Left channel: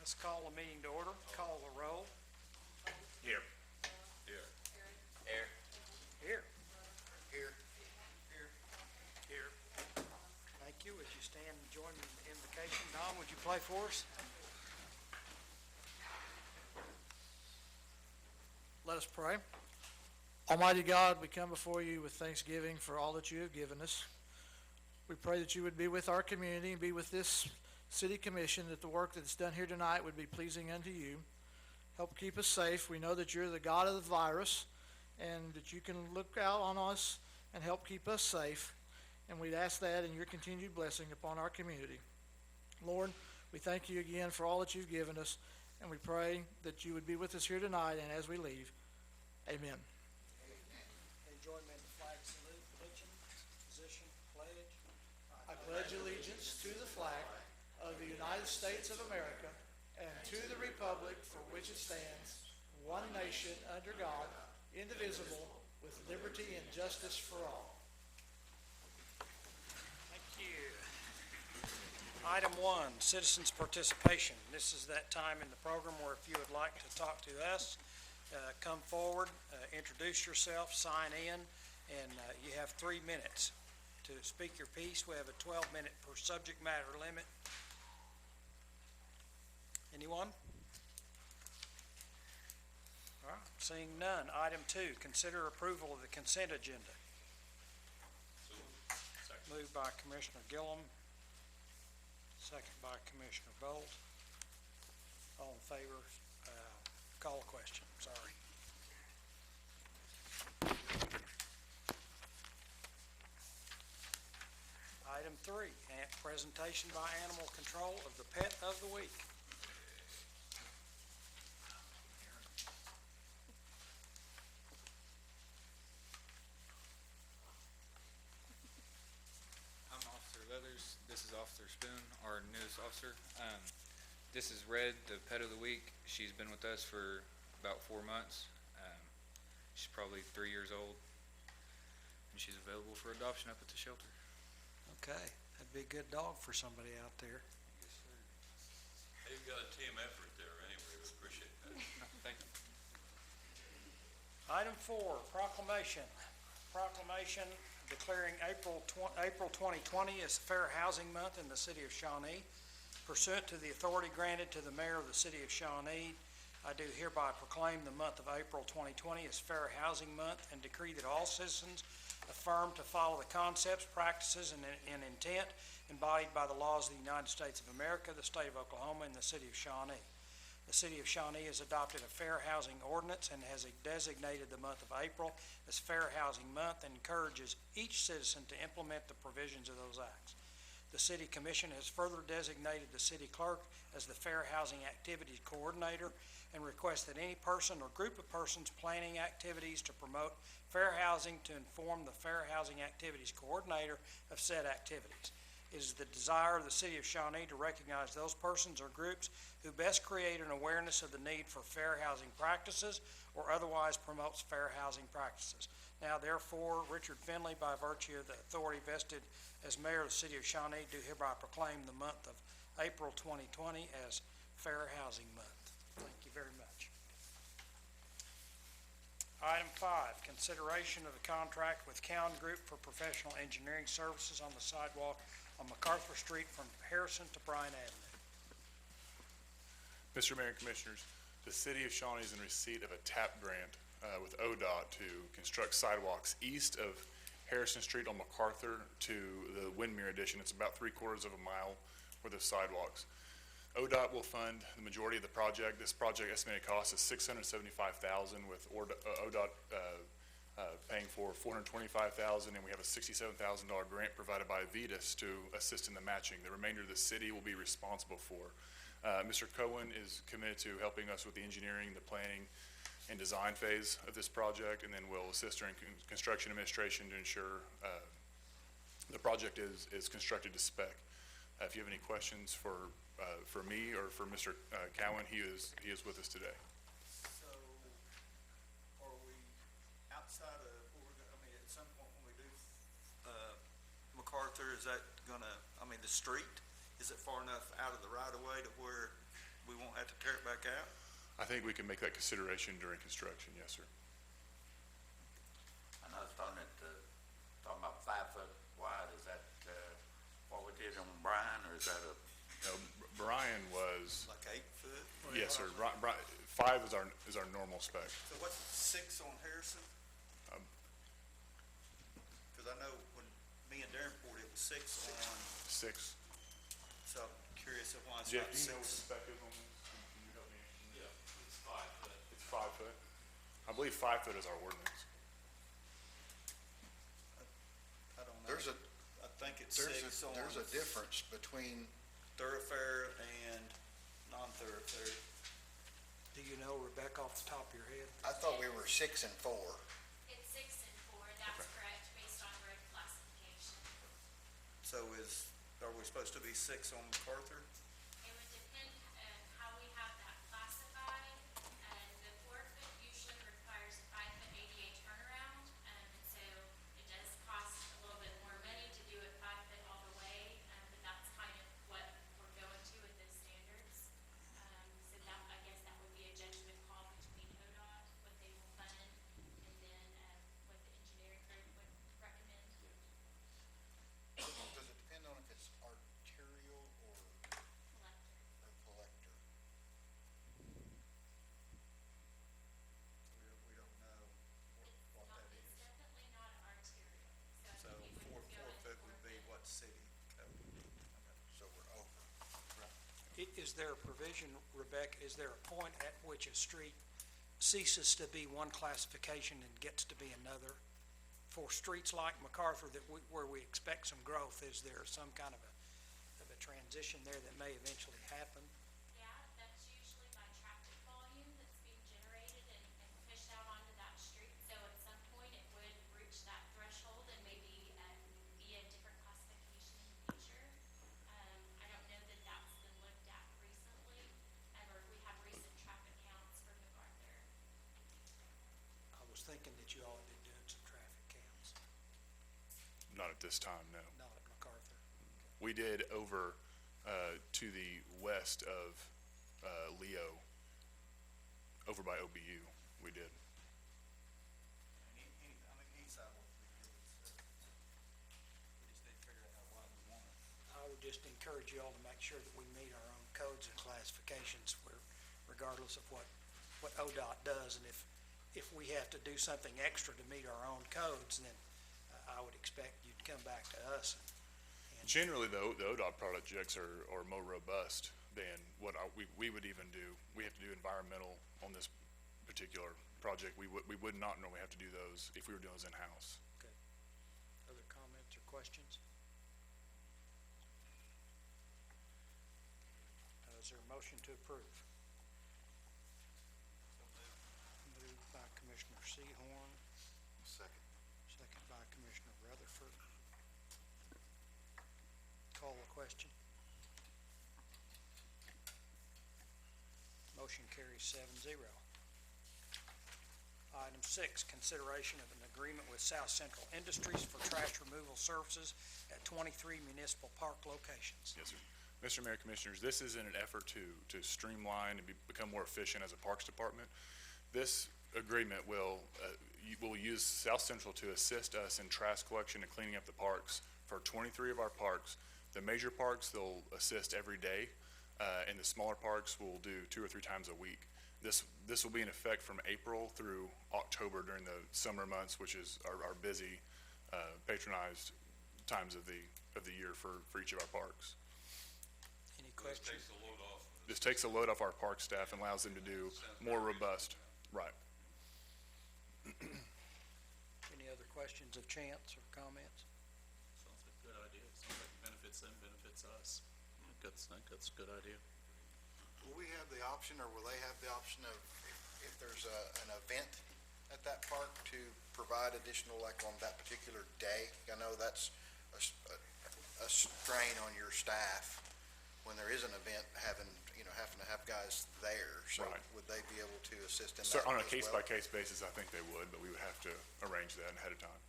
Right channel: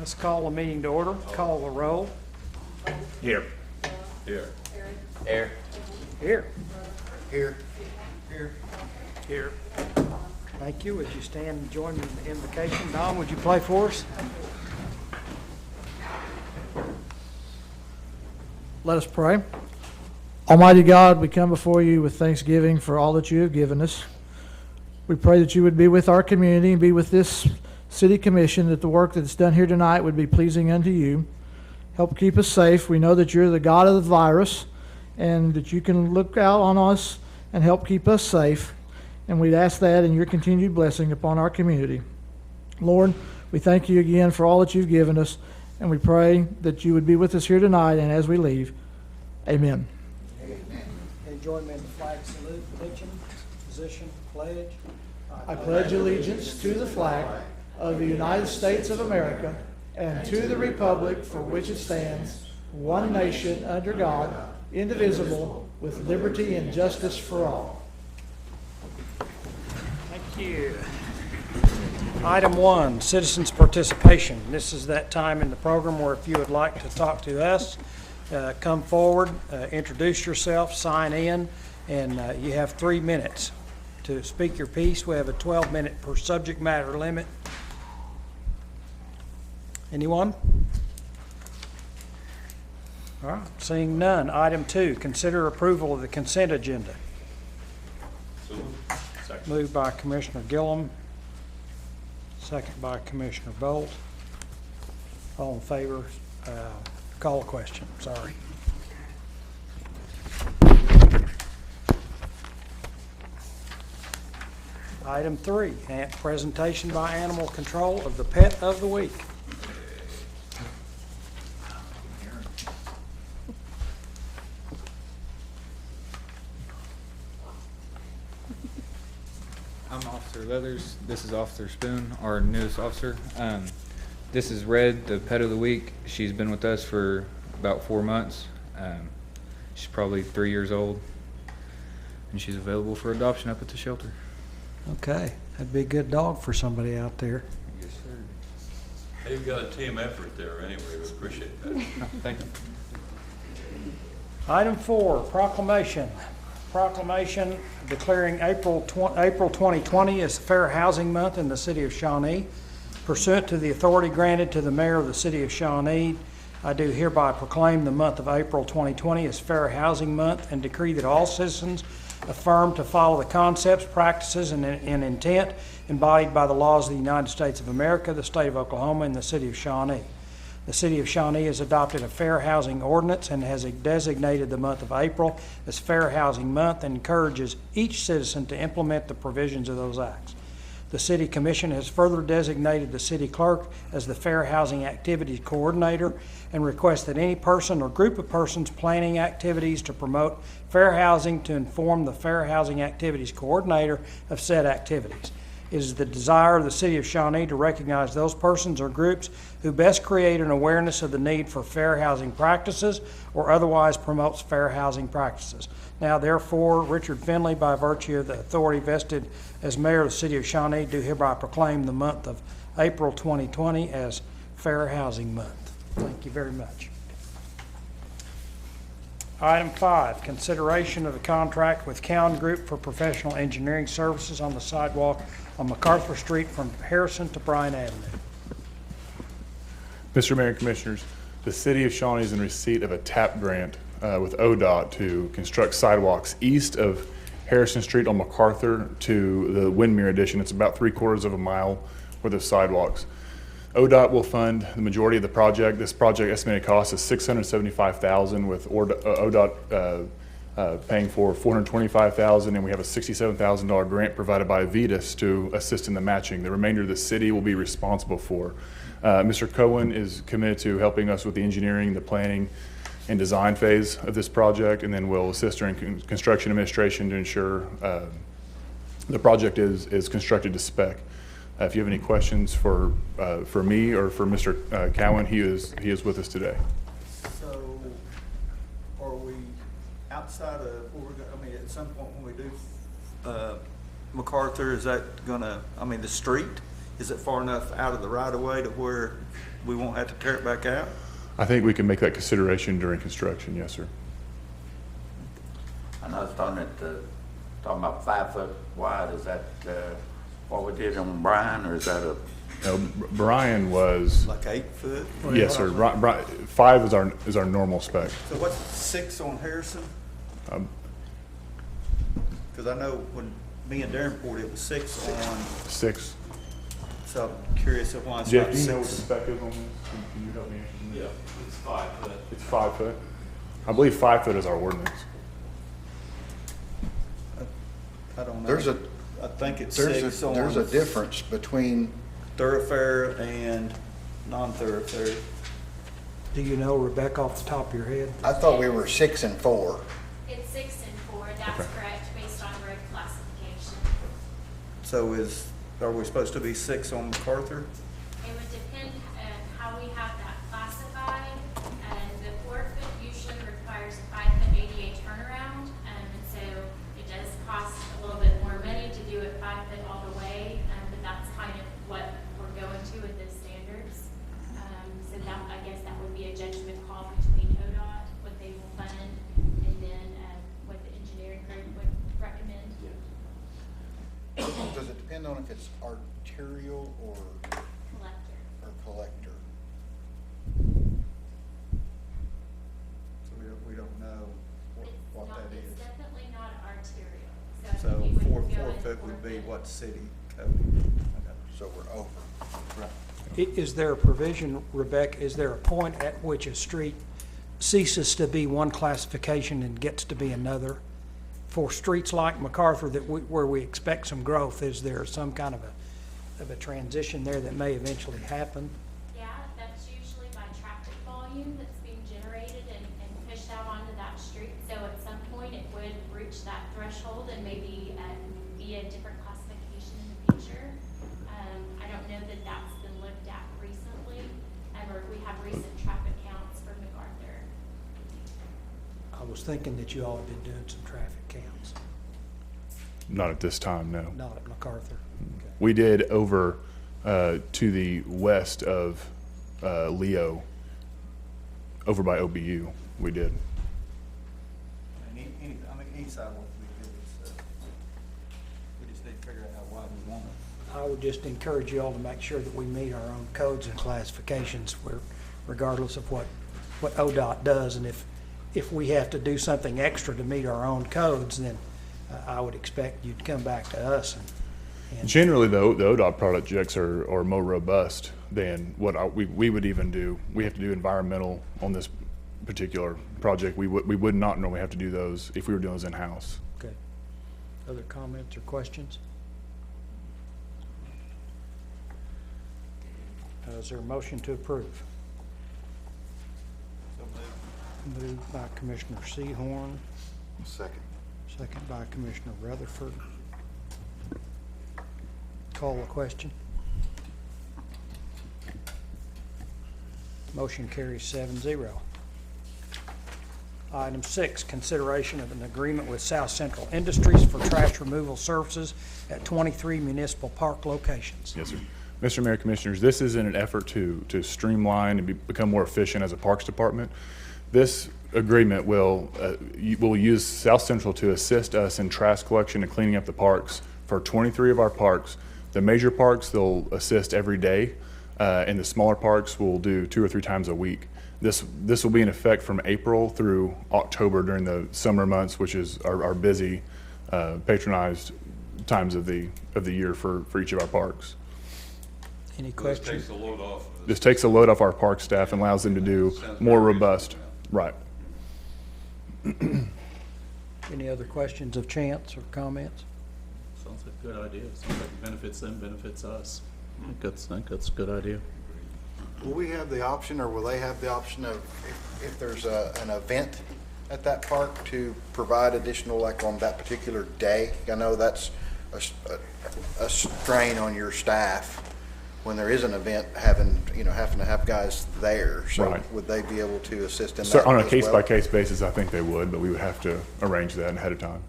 Let's call the meeting to order. Call the roll. Here. Here. Here. Here. Here. Here. Here. Thank you. Would you stand and join me in the invocation? Don, would you play for us? Let us pray. Almighty God, we come before you with thanksgiving for all that you have given us. We pray that you would be with our community and be with this city commission, that the work that's done here tonight would be pleasing unto you. Help keep us safe. We know that you're the God of the virus and that you can look out on us and help keep us safe. And we'd ask that in your continued blessing upon our community. Lord, we thank you again for all that you've given us, and we pray that you would be with us here tonight and as we leave. Amen. Can you join me in the flag salute, attention, position, pledge? I pledge allegiance to the flag of the United States of America and to the republic for which it stands, one nation under God, indivisible, with liberty and justice for all. Thank you. Item 1, citizens' participation. This is that time in the program where if you would like to talk to us, come forward, introduce yourself, sign in, and you have 3 minutes to speak your piece. We have a 12-minute per subject matter limit. Anyone? All right, seeing none. Item 2, consider approval of the consent agenda. Moved by Commissioner Gillum, second by Commissioner Bolt. All in favor, call a question, sorry. Item 3, presentation by Animal Control of the Pet of the Week. I'm Officer Leathers. This is Officer Spoon, our newest officer. This is Red, the pet of the week. She's been with us for about 4 months. She's probably 3 years old, and she's available for adoption up at the shelter. Okay, that'd be a good dog for somebody out there. Yes, sir. They've got a team effort there anyway. We appreciate that. Thank you. Item 4, proclamation. Proclamation declaring April 2020 as Fair Housing Month in the City of Shawnee. Pursuant to the authority granted to the Mayor of the City of Shawnee, I do hereby proclaim the month of April 2020 as Fair Housing Month and decree that all citizens affirm to follow the concepts, practices, and intent embodied by the laws of the United States of America, the State of Oklahoma, and the City of Shawnee. The City of Shawnee has adopted a Fair Housing Ordinance and has designated the month of April as Fair Housing Month and encourages each citizen to implement the provisions of those acts. The City Commission has further designated the City Clerk as the Fair Housing Activities Coordinator and requests that any person or group of persons planning activities to promote fair housing to inform the Fair Housing Activities Coordinator of said activities. It is the desire of the City of Shawnee to recognize those persons or groups who best create an awareness of the need for fair housing practices or otherwise promotes fair housing practices. Now, therefore, Richard Finley, by virtue of the authority vested as Mayor of the City of Shawnee, do hereby proclaim the month of April 2020 as Fair Housing Month. Thank you very much. Item 5, consideration of a contract with Cowan Group for professional engineering services on the sidewalk on MacArthur Street from Harrison to Bryan Avenue. Mr. Mayor and Commissioners, the City of Shawnee is in receipt of a TAP grant with ODOT to construct sidewalks east of Harrison Street on MacArthur to the Windmere Addition. It's about 3/4 of a mile worth of sidewalks. ODOT will fund the majority of the project. This project estimated cost is $675,000 with ODOT paying for $425,000, and we have a $67,000 grant provided by Vetus to assist in the matching. The remainder of the city will be responsible for. Mr. Cohen is committed to helping us with the engineering, the planning, and design phase of this project, and then will assist during construction administration to ensure the project is constructed to spec. If you have any questions for me or for Mr. Cowan, he is with us today. So, are we outside of, I mean, at some point when we do MacArthur, is that gonna, I mean, the street, is it far enough out of the right of way to where we won't have to tear it back out? I think we can make that consideration during construction, yes, sir. I know it's talking about 5 foot wide, is that, what we did on Bryan, or is that a, No, Brian was, Like 8 foot? yes, sir. 5 is our normal spec. So what's 6 on Harrison? Um, Cause I know when me and Darren poured, it was 6 on, 6. so I'm curious of why it's Jeff, not do you know what the 6. spec is on this? Can you help me? Yeah, it's 5 foot. It's 5 foot. I believe 5 foot is our ordinance. I don't know. There's a, I think it's there's 6 a, on there's a difference between, thoroughfare and non-thoroughfare. Do you know, Rebecca, off the top of your head? I thought we were 6 and 4. It's 6 and 4, that's Okay. correct, based on road classification. So are we supposed to be 6 on MacArthur? It would depend on how we have that classified. The 4 foot usually requires a 5 foot ADA turnaround, and so it does cost a little bit more money to do it 5 foot all the way, but that's kind of what we're going to with the standards. So that, I guess that would be a judgment call between ODOT, what they will fund, and then what the engineering group would recommend. Does it depend on if it's arterial or Collector. collector? So we don't know what that It's is. definitely not arterial, So so I think it 4 would go in foot would 4 be foot. what city code? Okay. So we're over. Is there a provision, Rebecca, is there a point at which a street ceases to be one classification and gets to be another? For streets like MacArthur where we expect some growth, is there some kind of a transition there that may eventually happen? Yeah, that's usually by traffic volume that's being generated and pushed out onto that street. So at some point, it would reach that threshold and maybe be a different classification in the future. I don't know that that's been looked at recently, or we have recent traffic counts for MacArthur. I was thinking that you all had been doing some traffic counts, Not at this time, no. not at MacArthur. Okay. We did over to the west of Leo, over by OBU, we did. Any sidewalk would be good, so we just need to figure out how wide we want it. I would just encourage you all to make sure that we meet our own codes and classifications regardless of what ODOT does. And if we have to do something extra to meet our own codes, then I would expect you'd come back to us and Generally, though, the ODOT projects are more robust than what we would even do. We have to do environmental on this particular project. We would not normally have to do those if we were doing those in-house. Okay. Other comments or questions? Is there a motion to approve? So moved. Moved by Commissioner Sehorn, Second. second by Commissioner Rutherford. Call the question. Motion carries 7-0. Item 6, consideration of an agreement with South Central Industries for trash removal services at 23 municipal park locations. Yes, sir. Mr. Mayor, Commissioners, this is in an effort to streamline and become more efficient as a Parks Department. This agreement will use South Central to assist us in trash collection and cleaning up the parks for 23 of our parks. The major parks, they'll assist every day, and the smaller parks will do 2 or 3 times a week. This will be in effect from April through October during the summer months, which is our busy, patronized times of the year for each of our parks. Any This questions? takes the load off. of This takes a load off our park staff and allows them to do Sounds more very robust. reasonable. Right. Any other questions of Chance or comments? Sounds like a good idea. Sounds like it benefits them, benefits us. I think that's a good idea. Will we have the option, or will they have the option of, if there's an event at that park, to provide additional, like on that particular day? I know that's a strain on your staff when there is an event, having to have guys there. So Right. would they be able to assist in So that on a as well? case-by-case basis, I think they would, but we would have to arrange that ahead of time.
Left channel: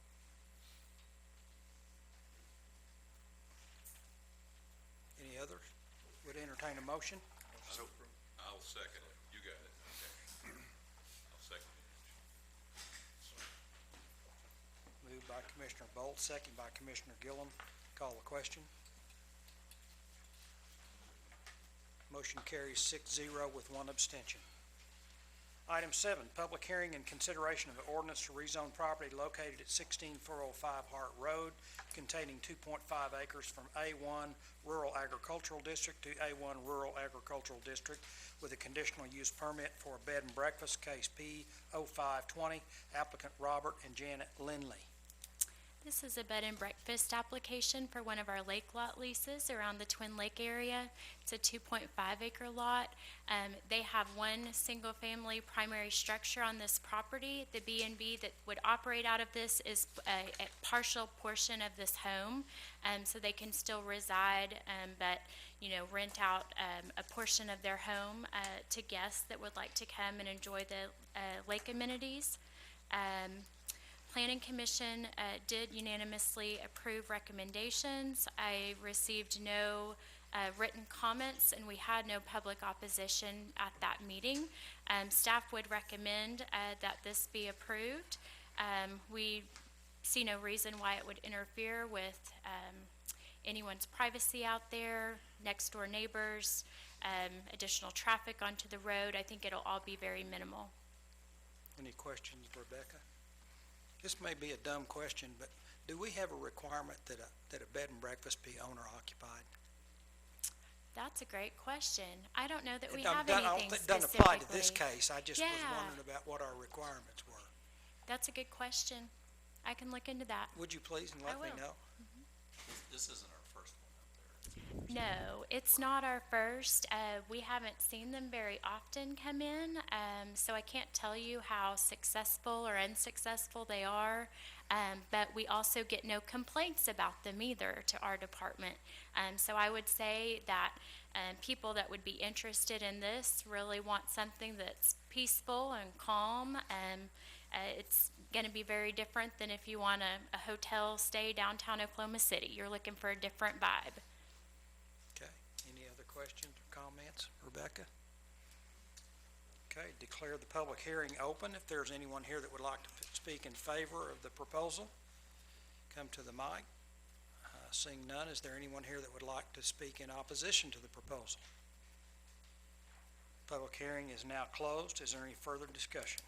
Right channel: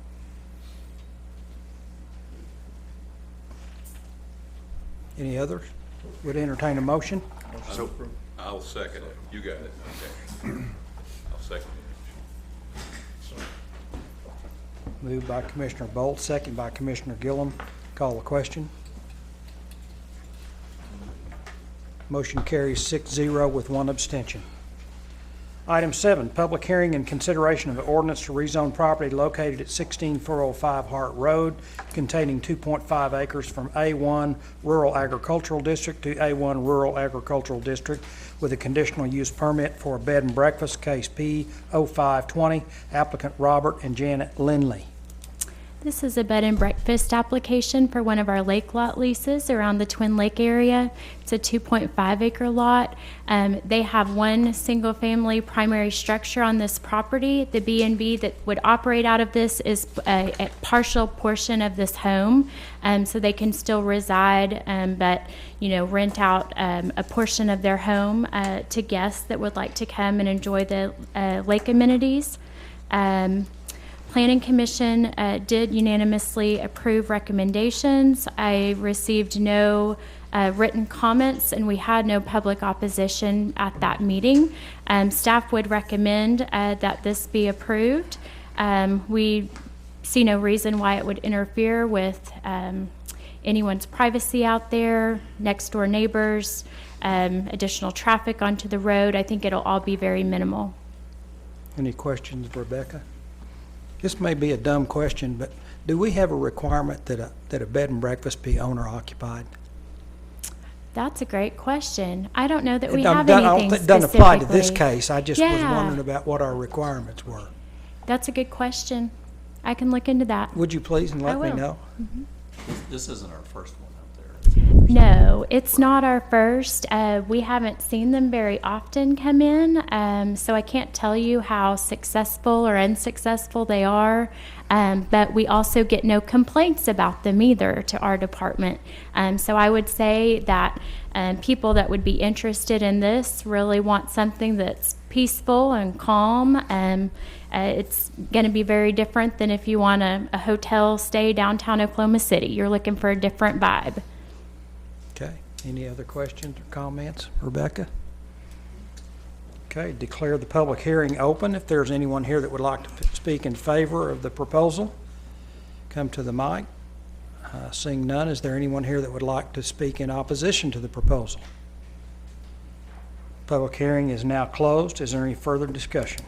Any others? Would entertain a motion? So I'll second it. You got it. Okay. I'll second it. Moved by Commissioner Bolt, second by Commissioner Gillum. Call the question. Motion carries 6-0 with one abstention. Item 7, public hearing and consideration of an ordinance to rezone property located at 16405 Hart Road containing 2.5 acres from A1 Rural Agricultural District to A1 Rural Agricultural District with a conditional use permit for a bed and breakfast, case P0520, applicant Robert and Janet Lindley. This is a bed and breakfast application for one of our lake lot leases around the Twin Lake area. It's a 2.5 acre lot. They have one single family primary structure on this property. The B&B that would operate out of this is a partial portion of this home. So they can still reside, but rent out a portion of their home to guests that would like to come and enjoy the lake amenities. Planning Commission did unanimously approve recommendations. I received no written comments, and we had no public opposition at that meeting. Staff would recommend that this be approved. We see no reason why it would interfere with anyone's privacy out there, next door neighbors, additional traffic onto the road. I think it'll all be very minimal. Any questions, Rebecca? This may be a dumb question, but do we have a requirement that a bed and breakfast be owner occupied? That's a great question. I don't know that we It have don't- anything it doesn't apply to this specifically. case. I just was Yeah. wondering about what our requirements were. That's a good question. I can look into that. Would you please and let me will. know? This isn't our first one out there. No, it's not our first. We haven't seen them very often come in, so I can't tell you how successful or unsuccessful they are, but we also get no complaints about them either to our department. So I would say that people that would be interested in this really want something that's peaceful and calm. It's going to be very different than if you want a hotel stay downtown Oklahoma City. You're looking for a different vibe. Okay, any other questions or comments? Rebecca? Okay, declare the public hearing open. If there's anyone here that would like to speak in favor of the proposal, come to the mic. Seeing none, is there anyone here that would like to speak in opposition to the proposal? Public hearing is now closed. Is there any further discussion?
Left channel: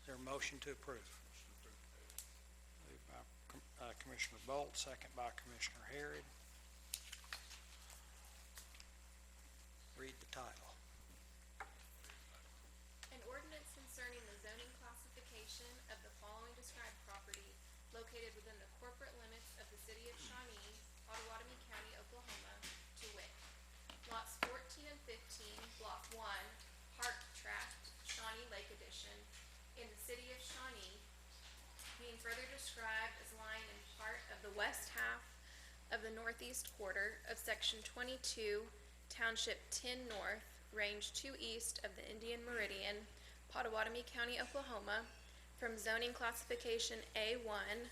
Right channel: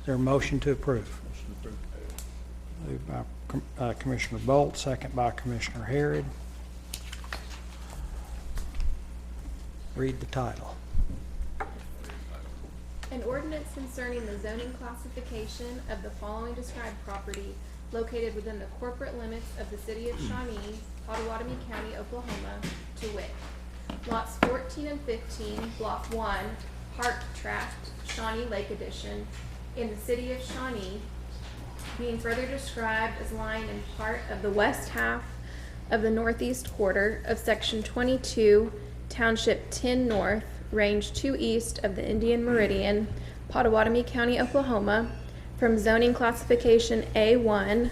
Is there a motion to approve? Moved by Commissioner Bolt, second by Commissioner Harrod. Read the title. An ordinance concerning the zoning classification of the following described property located within the corporate limits of the city of Shawnee, Potawatomi County, Oklahoma, to wit, lots 14 and 15, block 1, Hart Tract, Shawnee Lake Edition, in the city of Shawnee, being further described as lying in part of the west half of the northeast quarter of section 22, township 10 north, range 2 east of the Indian Meridian, Potawatomi County, Oklahoma, from zoning classification A1,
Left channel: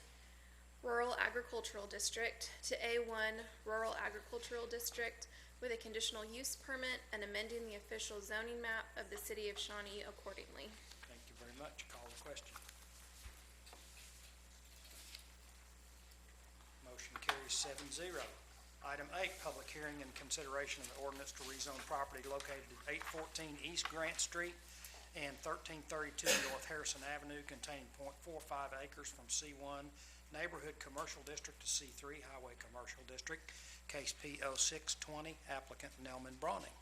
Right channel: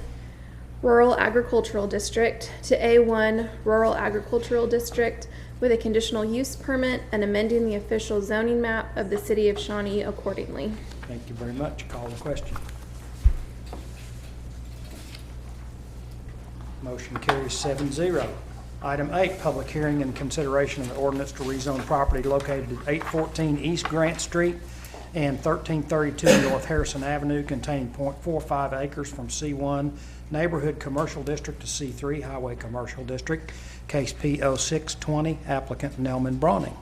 Rural Agricultural District, to A1, Rural Agricultural District, with a conditional use permit and amending the official zoning map of the city of Shawnee accordingly. Thank you very much. Call the question. Motion carries 7-0. Item 8, public hearing and consideration of the ordinance to rezone property located at 814 East Grant Street and 1332 North Harrison Avenue containing .45 acres from C1 Neighborhood Commercial District to C3 Highway Commercial District, case P0620, applicant Knellman Brawning.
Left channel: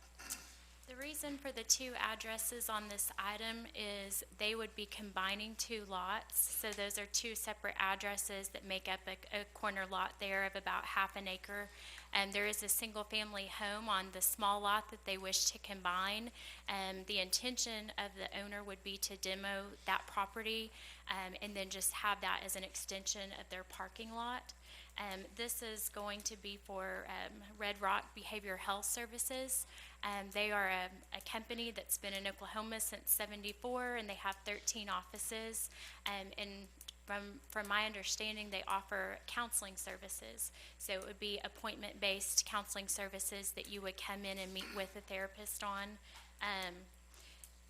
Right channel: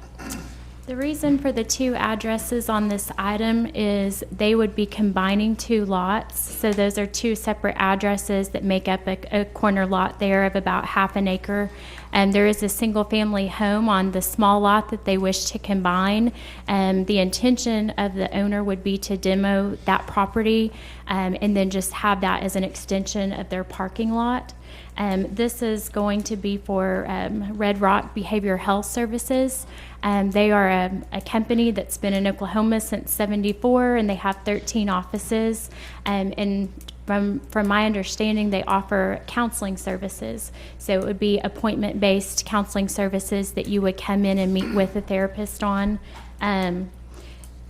The reason for the two addresses on this item is they would be combining two lots. So those are two separate addresses that make up a corner lot there of about half an acre. And there is a single family home on the small lot that they wish to combine. The intention of the owner would be to demo that property and then just have that as an extension of their parking lot. This is going to be for Red Rock Behavioral Health Services. They are a company that's been in Oklahoma since '74, and they have 13 offices. And from my understanding, they offer counseling services. So it would be appointment-based counseling services that you would come in and meet with a therapist on.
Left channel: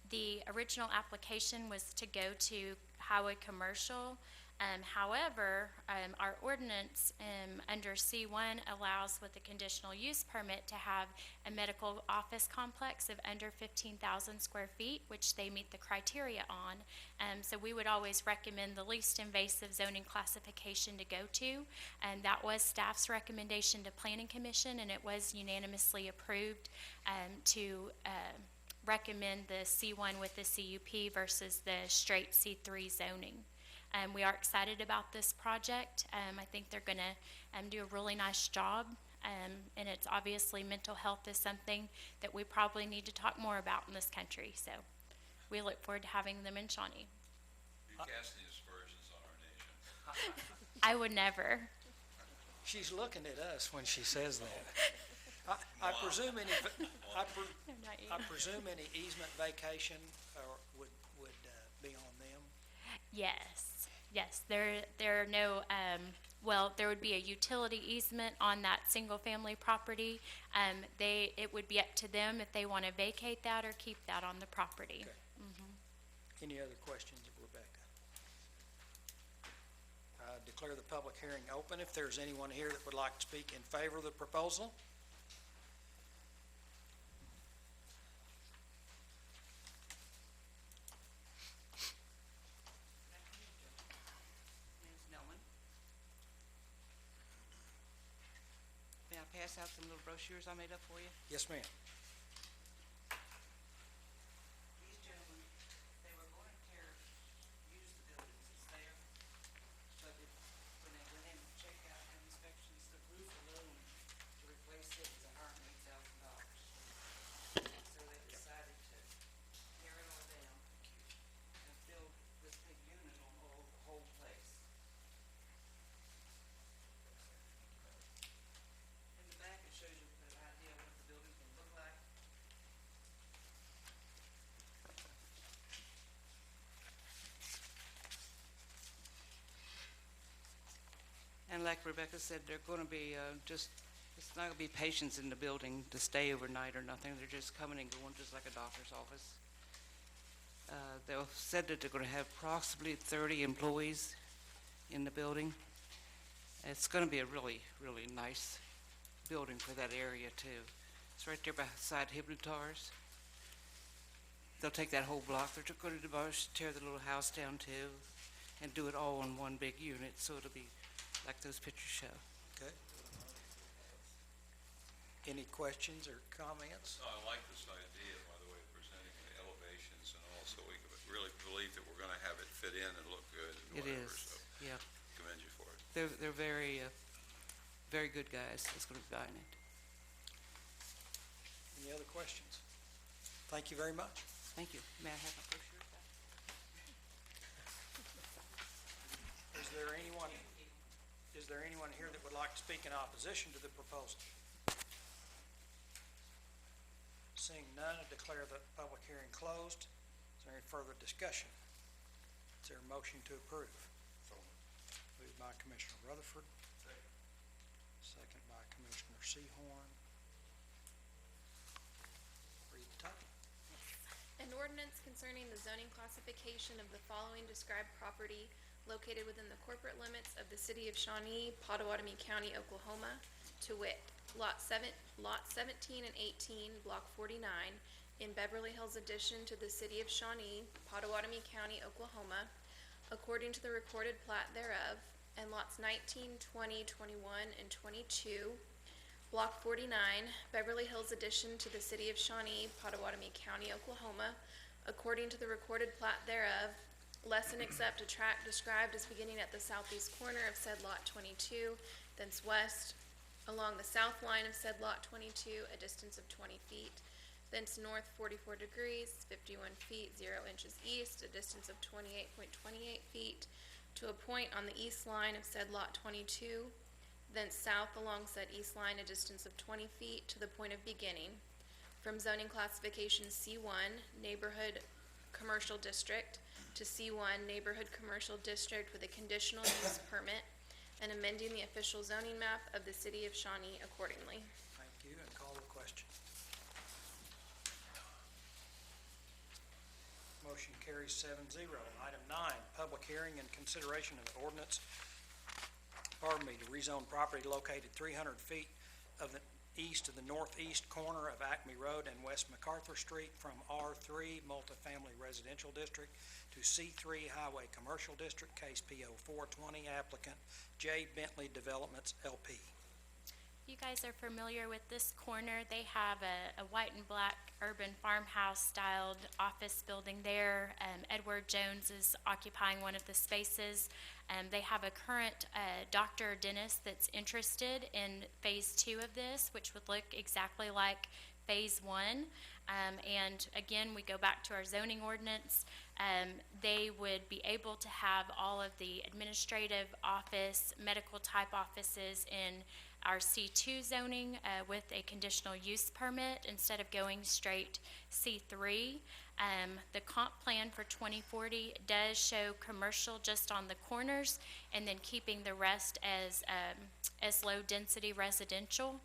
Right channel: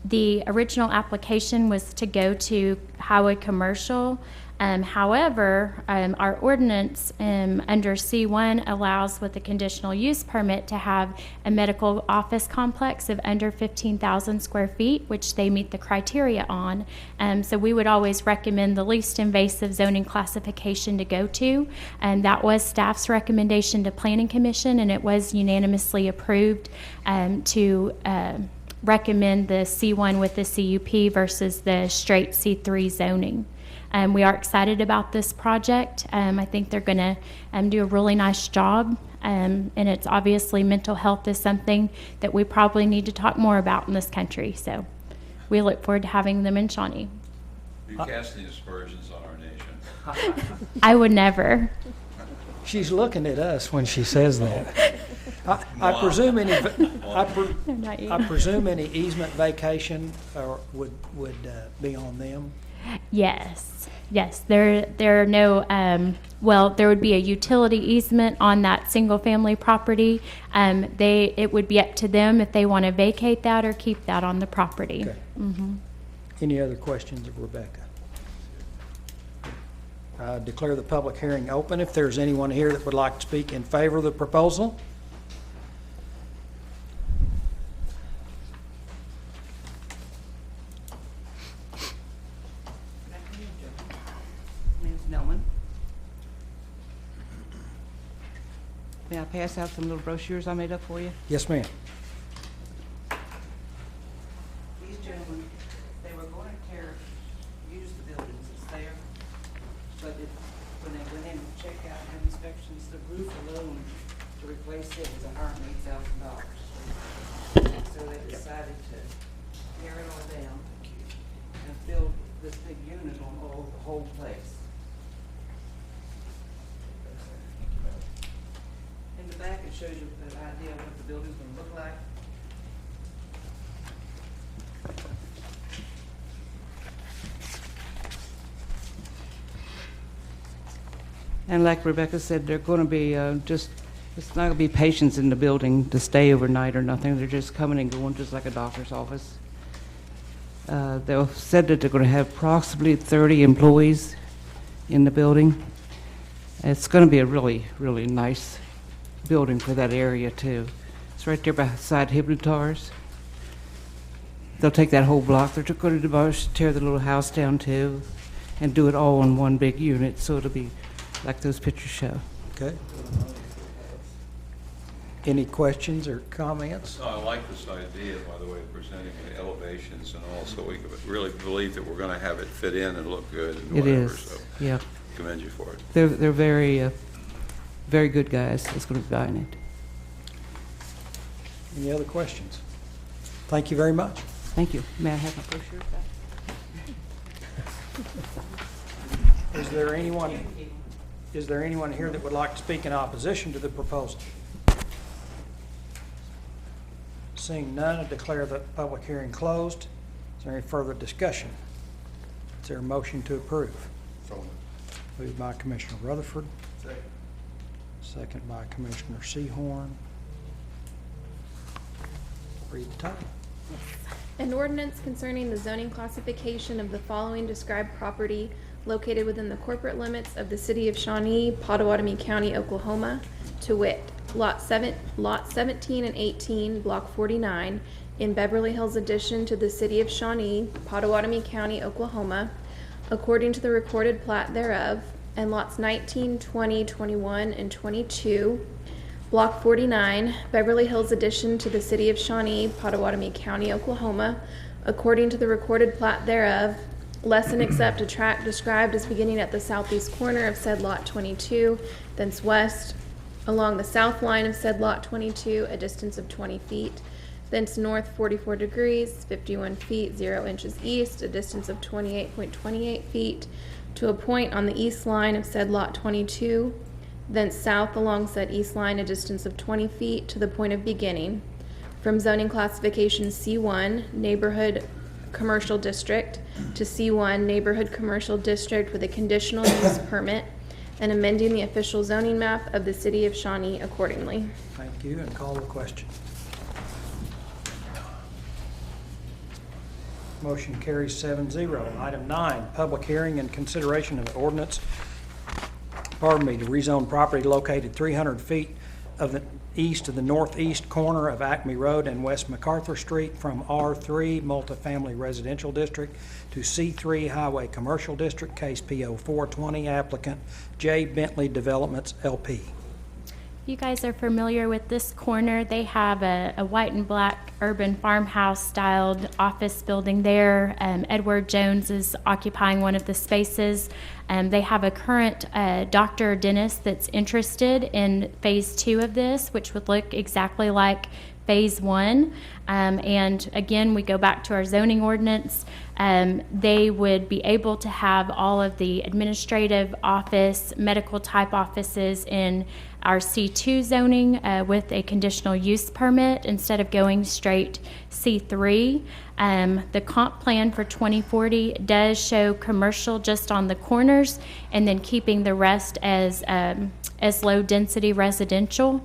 The original application was to go to Highway Commercial. However, our ordinance under C1 allows with a conditional use permit to have a medical office complex of under 15,000 square feet, which they meet the criteria on. So we would always recommend the least invasive zoning classification to go to. And that was staff's recommendation to Planning Commission, and it was unanimously approved to recommend the C1 with the CUP versus the straight C3 zoning. We are excited about this project. I think they're going to do a really nice job, and it's obviously mental health is something that we probably need to talk more about in this country. So we look forward to having them in Shawnee. You casting aspersions on our nation. I would never. She's looking at us when she says that. I presume any, Not you. I presume any easement vacation would be on them. Yes, there are no, well, there would be a utility easement on that single-family property. It would be up to them if they want to vacate that or keep that on the property. Okay. Any other questions of Rebecca? I declare the public hearing open. If there's anyone here that would like to speak in favor of the proposal. My name's Knellman. May I pass out some little brochures I made up for you? Yes, ma'am. These gentlemen, they were going to use the buildings that's there, but when they went in to check out and have inspections, the roof alone to replace it was $108,000. So they decided to tear it all down and build this big unit on the whole place. In the back, it shows you an idea of what the building's gonna look like. And like Rebecca said, they're gonna be it's not gonna be patients in the building to stay overnight or nothing. They're just coming and going, just like a doctor's office. They've said that they're gonna have approximately 30 employees in the building. It's gonna be a really, really nice building for that area too. It's right there beside Hypnotars. They'll take that whole block. They're going to tear the little house down too and do it all in one big unit, so it'll be like those pictures show. Okay. Any questions or comments? No, I like this idea, by the way, of presenting the elevations and all, so we really believe that we're gonna have it fit in and look good and It whatever, is, so yeah. commend you for it. They're very, very good guys that's going to be buying it. Any other questions? Thank you very much. Thank you. May I have my brochure back? Is there anyone here that would like to speak in opposition to the proposal? Seeing none, I declare the public hearing closed. Is there any further discussion? Is there a motion to approve? Moved by Commissioner Rutherford. Second by Commissioner Sehorn. Read the title. An ordinance concerning the zoning classification of the following described property located within the corporate limits of the city of Shawnee, Pottawatomie County, Oklahoma, to wit, Lot 17 and 18, Block 49, in Beverly Hills addition to the city of Shawnee, Pottawatomie County, Oklahoma, according to the recorded plat thereof, and lots 19, 20, 21, and 22, Block 49, Beverly Hills addition to the city of Shawnee, Pottawatomie County, Oklahoma, according to the recorded plat thereof, less and except a tract described as beginning at the southeast corner of said lot 22, thence west, along the south line of said lot 22, a distance of 20 feet, thence north 44 degrees, 51 feet, 0 inches east, a distance of 28.28 feet, to a point on the east line of said lot 22, thence south along said east line, a distance of 20 feet to the point of beginning, from zoning classification C1, neighborhood Commercial District to C1 Neighborhood Commercial District with a conditional use permit and amending the official zoning map of the City of Shawnee accordingly. Thank you, and call the question. Motion carries 7-0. Item 9, public hearing and consideration of ordinance, to rezone property located 300 feet of the east of the northeast corner of Acme Road and West MacArthur Street from R3 Multifamily Residential District to C3 Highway Commercial District, case PO 420, applicant J. Bentley Developments, LP. You guys are familiar with this corner. They have a white and black urban farmhouse styled office building there. Edward Jones is occupying one of the spaces. They have a current doctor or dentist that's interested in phase 2 of this, which would look exactly like phase 1. And again, we go back to our zoning ordinance. They would be able to have all of the administrative office, medical type offices in our C2 zoning with a conditional use permit instead of going straight C3. The comp plan for 2040 does show commercial just on the corners and then keeping the rest as low density residential.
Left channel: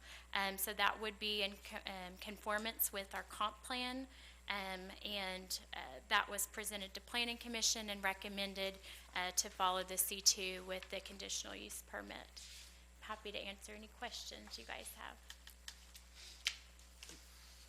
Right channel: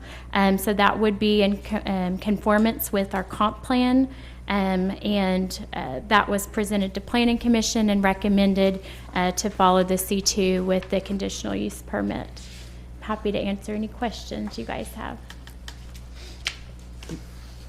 So that would be in conformance with our comp plan. And that was presented to Planning Commission and recommended to follow the C2 with the conditional use permit. Happy to answer any questions you guys have.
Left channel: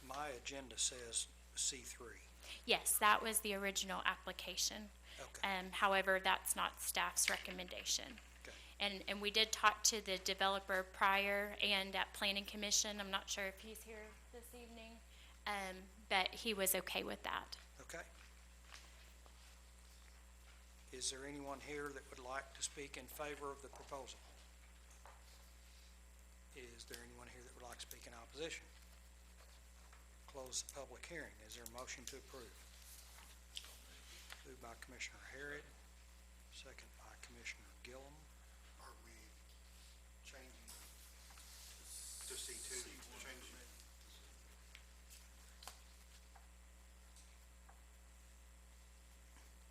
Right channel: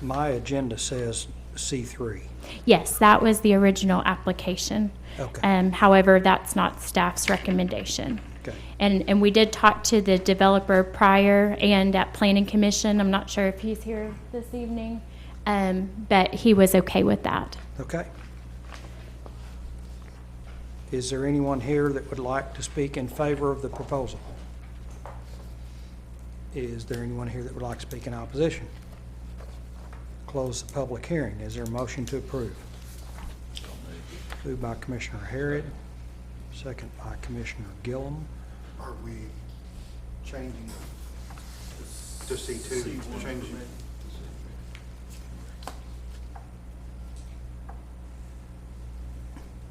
My agenda says C3. Yes, that was the original application. Okay. However, that's not staff's recommendation. Okay. And we did talk to the developer prior and at Planning Commission. I'm not sure if he's here this evening, but he was okay with that. Okay. Is there anyone here that would like to speak in favor of the proposal? Is there anyone here that would like to speak in opposition? Close the public hearing. Is there a motion to approve? Moved by Commissioner Harrod, second by Commissioner Gillum. Are we changing to C2? Changing.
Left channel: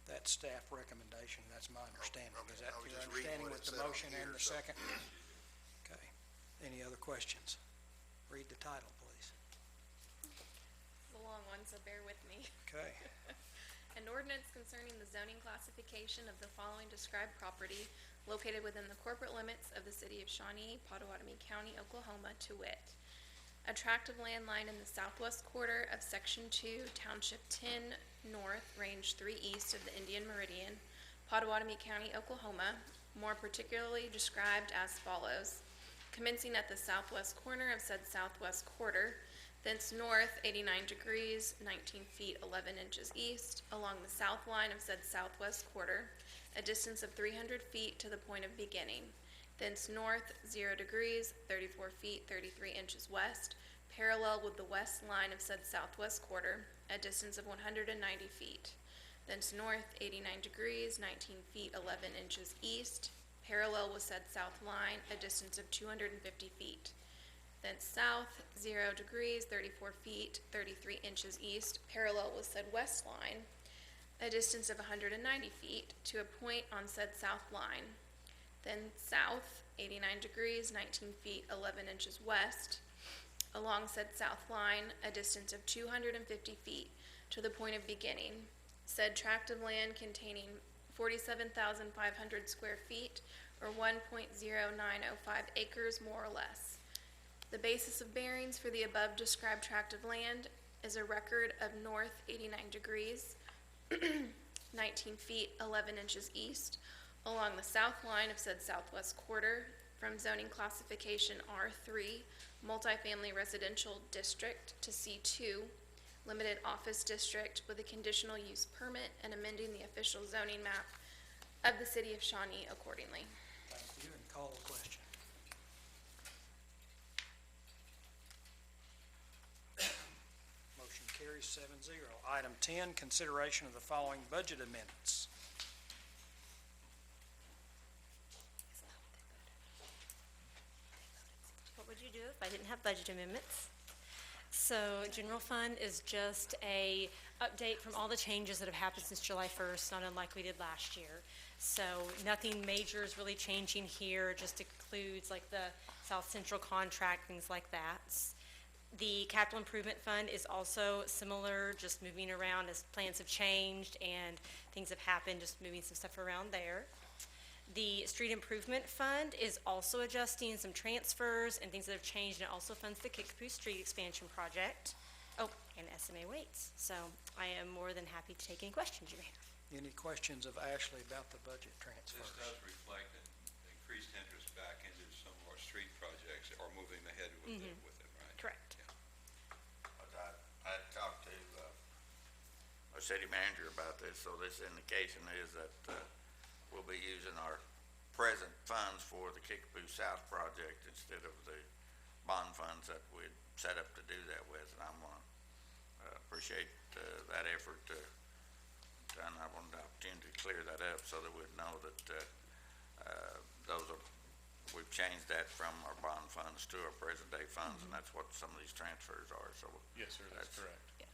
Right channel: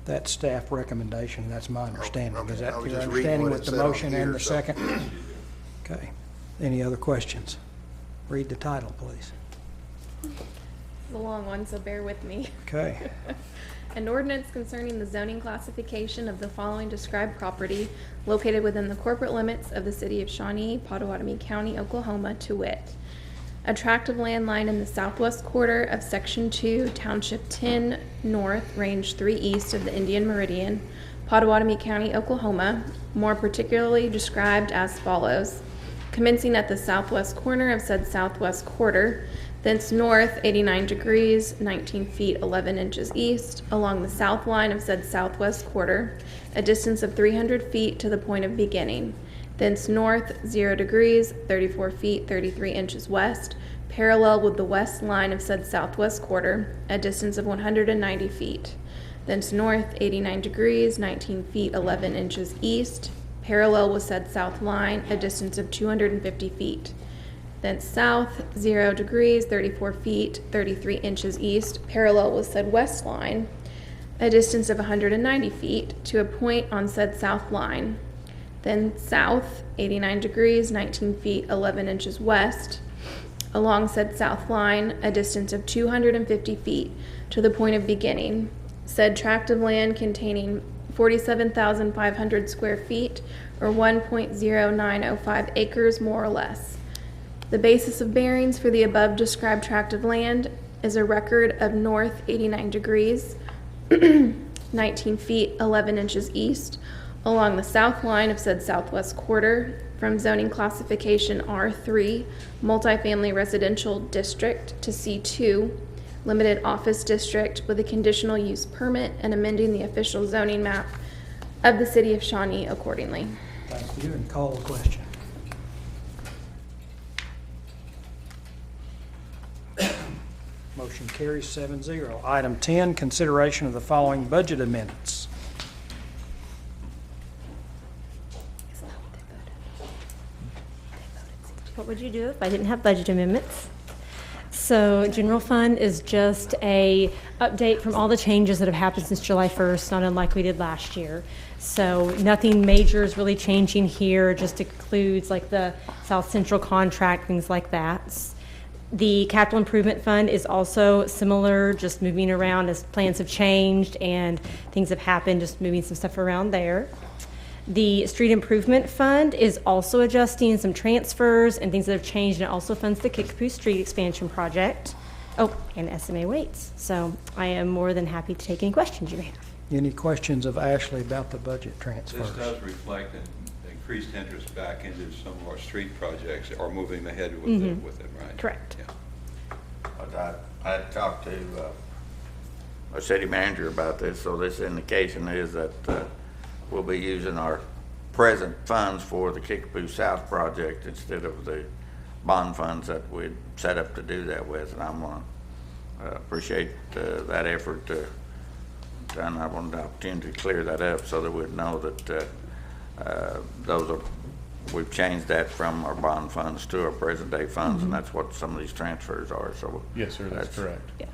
That's staff recommendation, that's my understanding. okay. Is that I was your just reading understanding what with it the said on motion here, and the so- second? Okay. Any other questions? Read the title, please. It's a long one, so bear with me. Okay. An ordinance concerning the zoning classification of the following described property located within the corporate limits of the City of Shawnee, Pottawatomie County, Oklahoma, to wit: a tract of land lying in the southwest quarter of Section 2, Township 10 North, Range 3 East of the Indian Meridian, Pottawatomie County, Oklahoma, more particularly described as follows: commencing at the southwest corner of said southwest quarter, thence north 89 degrees, 19 feet 11 inches east, along the south line of said southwest quarter, a distance of 300 feet to the point of beginning, thence north 0 degrees, 34 feet 33 inches west, parallel with the west line of said southwest quarter, a distance of 190 feet, thence north 89 degrees, 19 feet 11 inches east, parallel with said south line, a distance of 250 feet. Thence south, 0 degrees, 34 feet, 33 inches east, parallel with said west line, a distance of 190 feet, to a point on said south line. Then south, 89 degrees, 19 feet, 11 inches west, along said south line, a distance of 250 feet, to the point of beginning. Said tract of land containing 47,500 square feet, or 1.0905 acres more or less. The basis of bearings for the above described tract of land is a record of north 89 degrees, 19 feet 11 inches east, along the south line of said southwest quarter, from zoning classification R3, multifamily residential district, to C2, limited office district, with a conditional use permit and amending the official zoning map of the City of Shawnee accordingly. Thank you, and call the question. Motion carries 7-0. Item 10, consideration of the following budget amendments. What would you do if I didn't have budget amendments? So general fund is just a update from all the changes that have happened since July 1st, not unlike we did last year. So nothing major is really changing here, just includes like the South Central contract, things like that. The capital improvement fund is also similar, just moving around as plans have changed and things have happened, just moving some stuff around there. The street improvement fund is also adjusting some transfers and things that have changed, and it also funds the Kickapoo Street expansion project. Oh, and SMA weights. So I am more than happy to take any questions you may have. Any questions of Ashley about the budget transfers? This does reflect an increased interest back into some of our street projects, or moving ahead with it, right? Correct. Yeah. But I talked to our city manager about this, so this indication is that we'll be using our present funds for the Kickapoo South project instead of the bond funds that we'd set up to do that with, and I'm gonna appreciate that effort and I wanted the opportunity to clear that up so that we'd know that we've changed that from our bond funds to our present day funds, and that's what some of these transfers are, so. Yes, sir, that's correct. Yeah.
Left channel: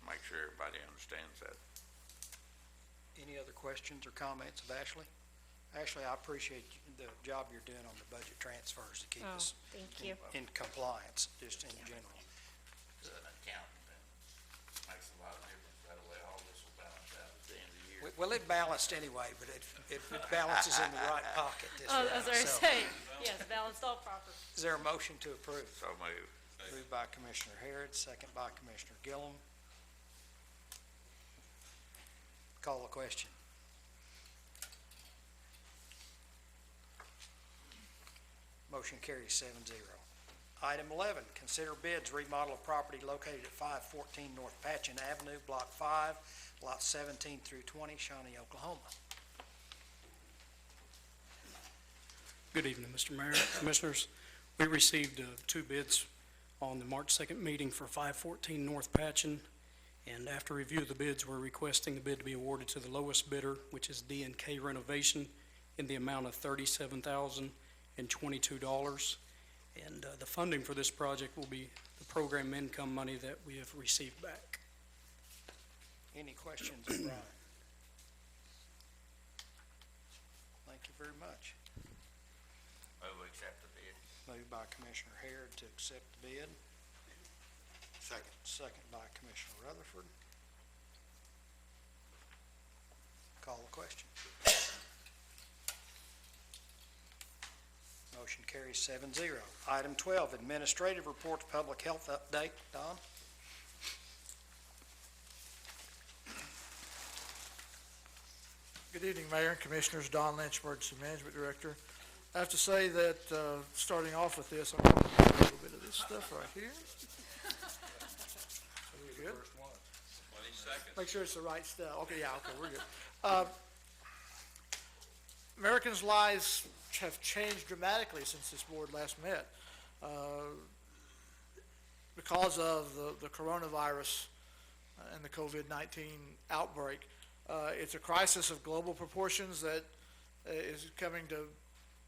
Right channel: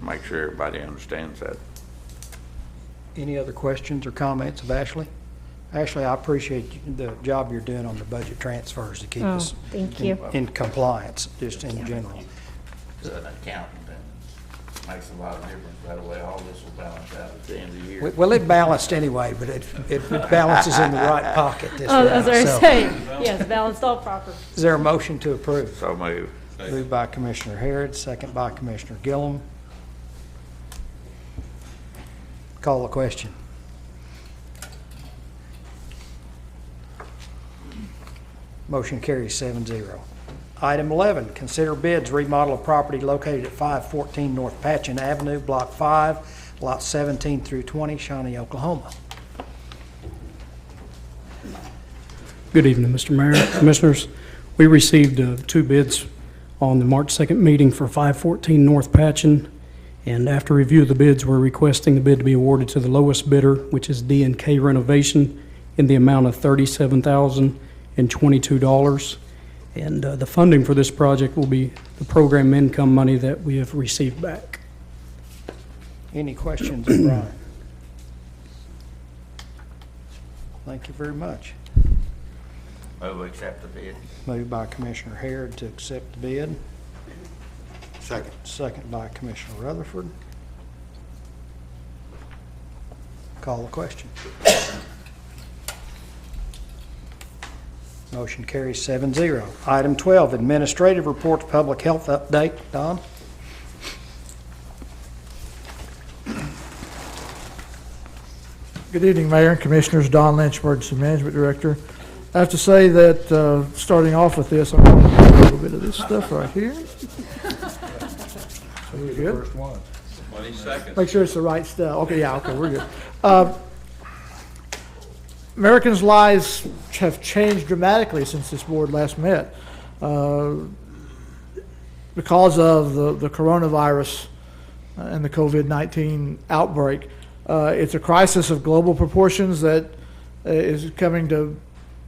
Make sure everybody understands that. Any other questions or comments of Ashley? Ashley, I appreciate the job you're doing on the budget transfers to keep Oh, us thank you. in compliance, just in general. As an accountant, and makes a lot of difference. That way, all this will balance out at the end of the year. Well, it balanced anyway, but it balances in the right pocket this Oh, as I round. was So, saying, yes, balanced all proper. is there a motion to approve? So move. Moved by Commissioner Harrod, second by Commissioner Gillum. Call the question. Motion carries 7-0. Item 11, consider bids remodel of property located at 514 North Patchen Avenue, Block 5, lots 17 through 20, Shawnee, Oklahoma. Good evening, Mr. Mayor, Commissioners. We received 2 bids on the March 2nd meeting for 514 North Patchen, and after review of the bids, we're requesting the bid to be awarded to the lowest bidder, which is D&K Renovation, in the amount of $37,022. And the funding for this project will be the program income money that we have received back. Any questions of Brian? Thank you very much. Move, we accept the bid. Moved by Commissioner Harrod to accept the bid. Second. Second by Commissioner Rutherford. Call the question. Motion carries 7-0. Item 12, administrative reports, public health update. Don? Good evening, Mayor and Commissioners. Don Lynch, Emergency Management Director. I have to say that starting off with this, I'm going to do a little bit of this stuff right here. So we're good. 20 seconds. Make sure it's the right stuff. Okay, yeah, okay, we're good. Americans' lives have changed dramatically since this board last met because of the coronavirus and the COVID-19 outbreak. It's a crisis of global proportions that is coming to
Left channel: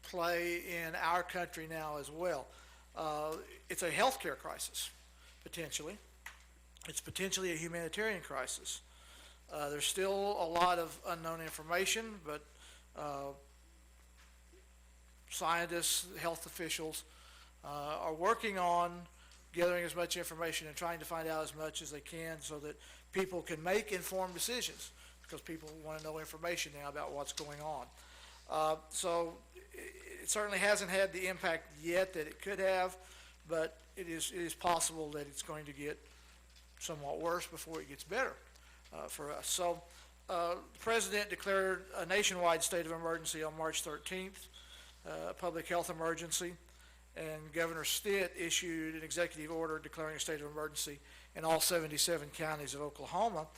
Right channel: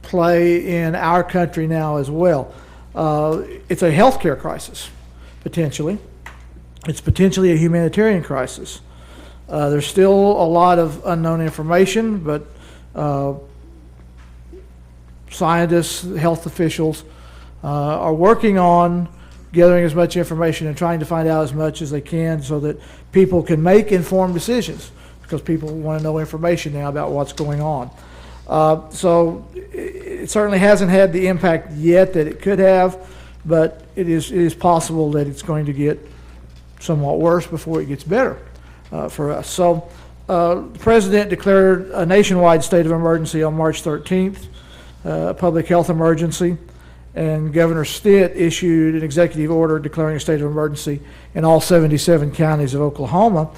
play in our country now as well. It's a healthcare crisis, potentially. It's potentially a humanitarian crisis. There's still a lot of unknown information, but scientists, health officials are working on gathering as much information and trying to find out as much as they can so that people can make informed decisions, because people want to know information now about what's going on. So it certainly hasn't had the impact yet that it could have, but it is possible that it's going to get somewhat worse before it gets better for us. So the President declared a nationwide state of emergency on March 13th, a public health emergency, and Governor Stitt issued an executive order declaring a state of emergency in all 77 counties of Oklahoma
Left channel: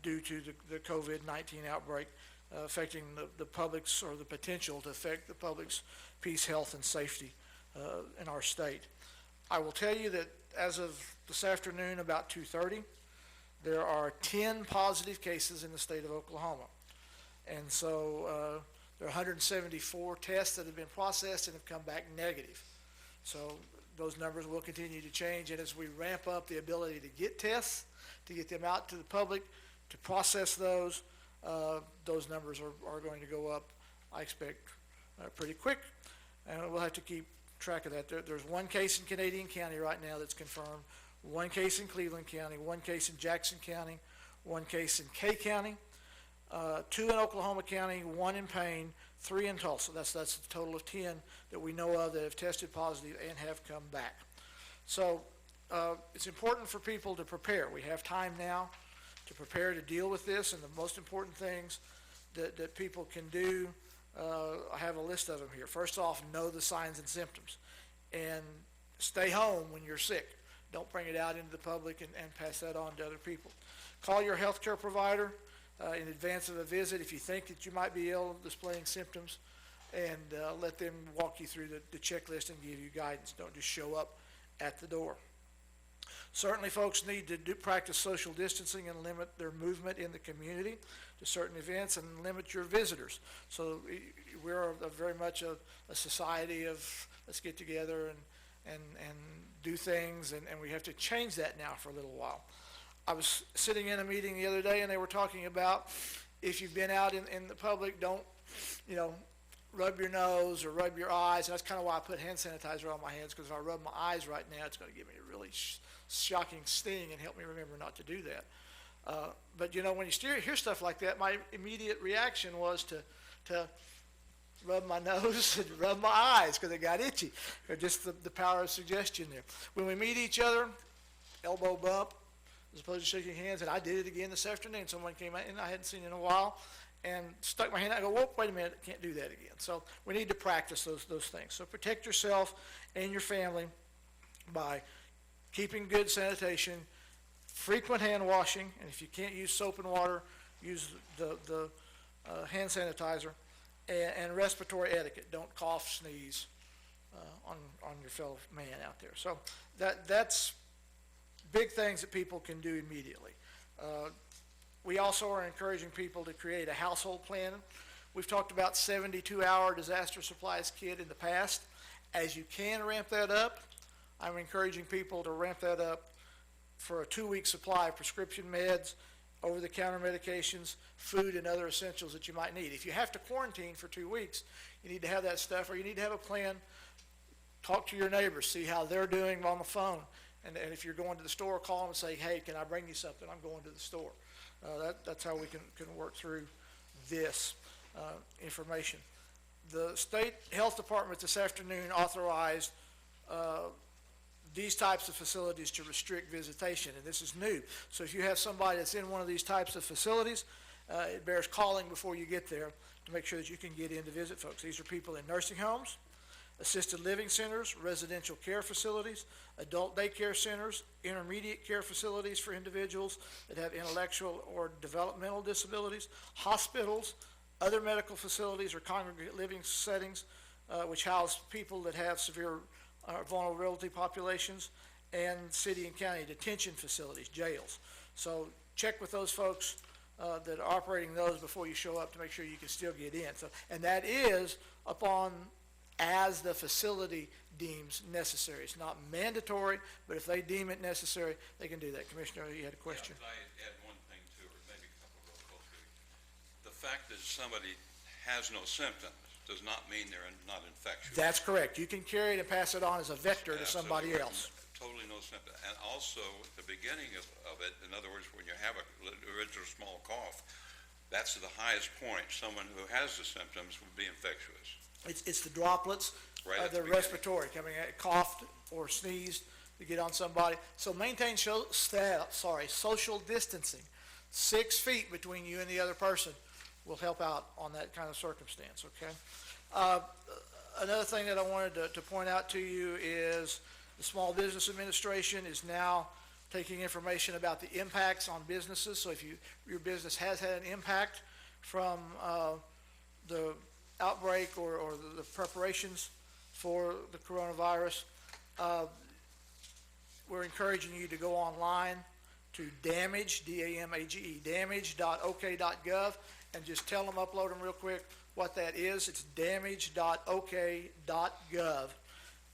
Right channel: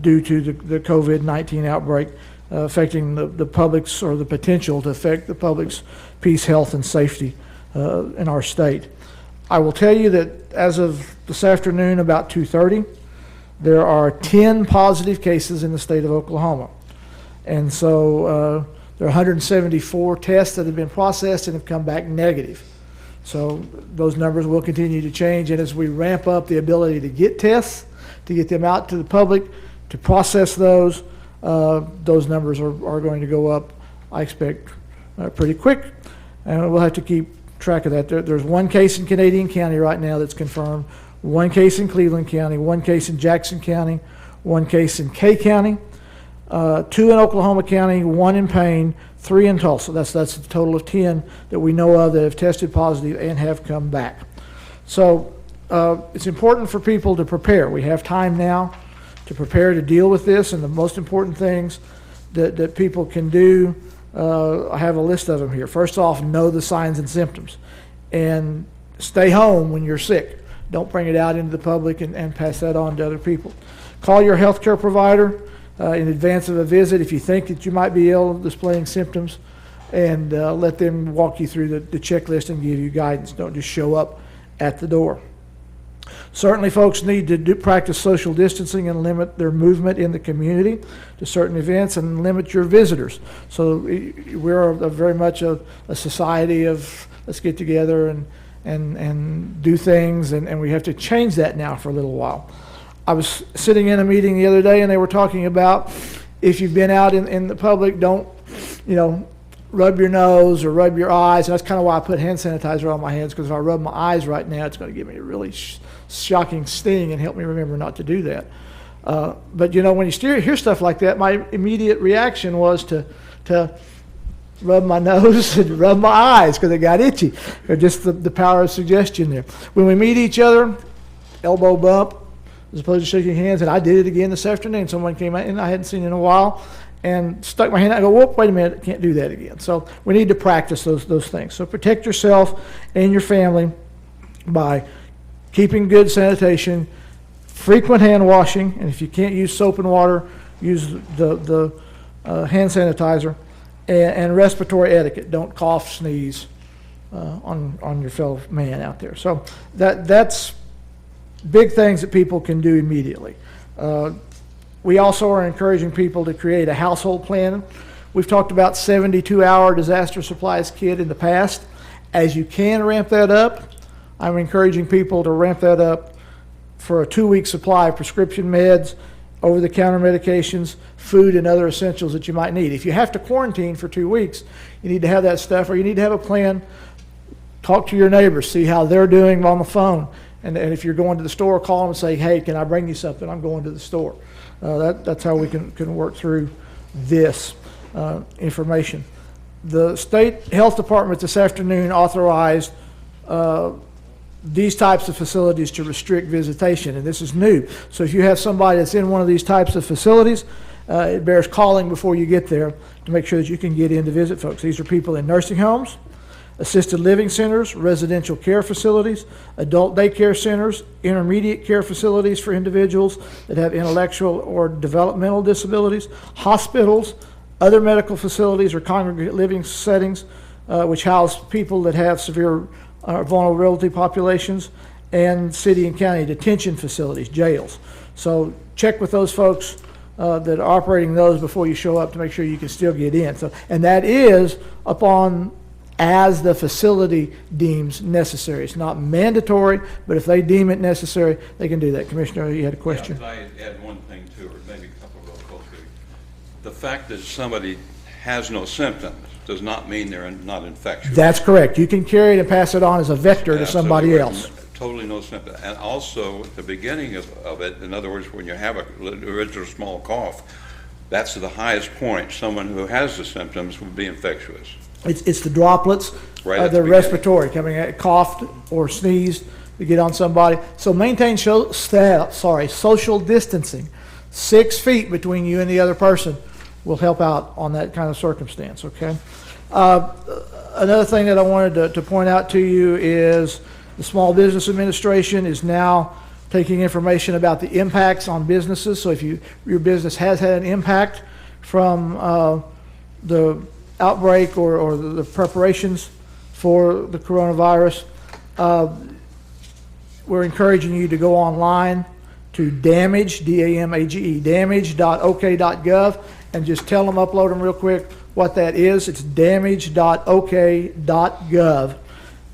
due to the COVID-19 outbreak affecting the public's, or the potential to affect the public's peace, health, and safety in our state. I will tell you that as of this afternoon, about 2:30, there are 10 positive cases in the state of Oklahoma. And so there are 174 tests that have been processed and have come back negative. So those numbers will continue to change, and as we ramp up the ability to get tests, to get them out to the public, to process those numbers are going to go up, I expect, pretty quick, and we'll have to keep track of that. There's one case in Canadian County right now that's confirmed, one case in Cleveland County, one case in Jackson County, one case in Kay County, 2 in Oklahoma County, 1 in Payne, 3 in Tulsa. That's a total of 10 that we know of that have tested positive and have come back. So it's important for people to prepare. We have time now to prepare to deal with this, and the most important things that people can do, I have a list of them here. First off, know the signs and symptoms, and stay home when you're sick. Don't bring it out into the public and pass that on to other people. Call your healthcare provider in advance of a visit if you think that you might be ill, displaying symptoms, and let them walk you through the checklist and give you guidance. Don't just show up at the door. Certainly, folks need to practice social distancing and limit their movement in the community to certain events and limit your visitors. So we're very much a society of let's get together and do things, and we have to change that now for a little while. I was sitting in a meeting the other day, and they were talking about if you've been out in the public, don't, rub your nose or rub your eyes. And that's kind of why I put hand sanitizer on my hands, because if I rub my eyes right now, it's going to give me a really shocking sting and help me remember not to do that. But, when you hear stuff like that, my immediate reaction was to rub my nose and rub my eyes because it got itchy, or just the power of suggestion there. When we meet each other, elbow bump, as opposed to shaking hands, and I did it again this afternoon. Someone came out, and I hadn't seen in a while, and stuck my hand out. I go, whoop, wait a minute, can't do that again. So we need to practice those things. So protect yourself and your family by keeping good sanitation, frequent hand washing, and if you can't use soap and water, use the hand sanitizer, and respiratory etiquette. Don't cough, sneeze on your fellow man out there. So that's big things that people can do immediately. We also are encouraging people to create a household plan. We've talked about 72-hour disaster supplies kit in the past. As you can ramp that up, I'm encouraging people to ramp that up for a 2-week supply of prescription meds, over-the-counter medications, food, and other essentials that you might need. If you have to quarantine for 2 weeks, you need to have that stuff, or you need to have a plan. Talk to your neighbors, see how they're doing on the phone. And if you're going to the store, call them and say, hey, can I bring you something? I'm going to the store. That's how we can work through this information. The state health department this afternoon authorized these types of facilities to restrict visitation, and this is new. So if you have somebody that's in one of these types of facilities, it bears calling before you get there to make sure that you can get in to visit folks. These are people in nursing homes, assisted living centers, residential care facilities, adult daycare centers, intermediate care facilities for individuals that have intellectual or developmental disabilities, hospitals, other medical facilities or congregate living settings, which house people that have severe vulnerability populations, and city and county detention facilities, jails. So check with those folks that are operating those before you show up to make sure you can still get in. So, and that is as the facility deems necessary. It's not mandatory, but if they deem it necessary, they can do that. Commissioner, you had a question? Yeah, I add one thing too, or maybe a couple real quickly. The fact that somebody has no symptoms does not mean they're not infectious. That's correct. You can carry it and pass it on as a vector to somebody else. Totally no symptoms. And also, at the beginning of it, in other words, when you have a original small cough, that's the highest point. Someone who has the symptoms would be infectious. It's the droplets, the respiratory coming out, coughed or sneezed to get on somebody. So maintain social distancing. 6 feet between you and the other person will help out on that kind of circumstance, okay? Another thing that I wanted to point out to you is the Small Business Administration is now taking information about the impacts on businesses. So if your business has had an impact from the outbreak or the preparations for the coronavirus, we're encouraging you to go online to damage, D-A-M-A-G-E, damage.ok.gov, and just tell them, upload them real quick what that is. It's damage.ok.gov,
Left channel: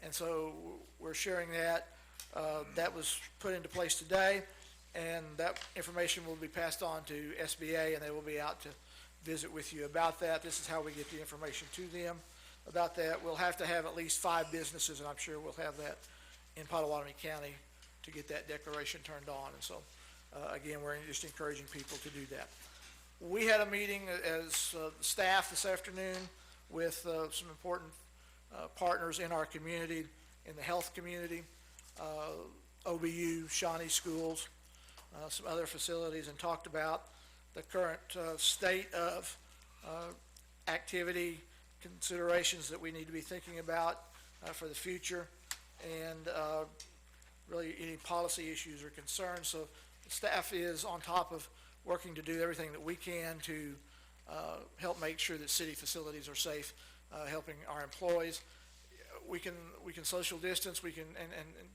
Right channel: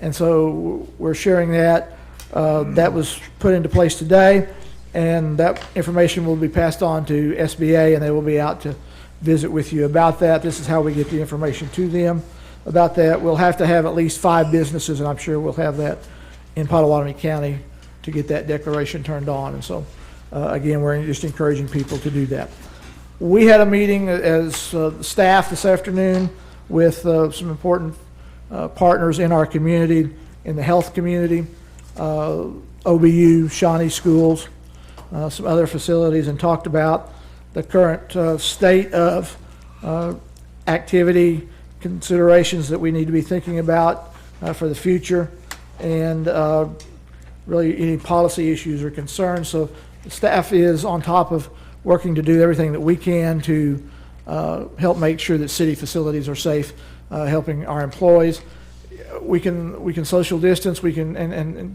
And so we're sharing that. That was put into place today, and that information will be passed on to SBA, and they will be out to visit with you about that. This is how we get the information to them about that. We'll have to have at least 5 businesses, and I'm sure we'll have that in Potawatomi County to get that declaration turned on. And so, again, we're just encouraging people to do that. We had a meeting as staff this afternoon with some important partners in our community, in the health community, OBU, Shawnee Schools, some other facilities, and talked about the current state of activity considerations that we need to be thinking about for the future, and really any policy issues or concerns. So the staff is on top of working to do everything that we can to help make sure that city facilities are safe, helping our employees. We can social distance. We can and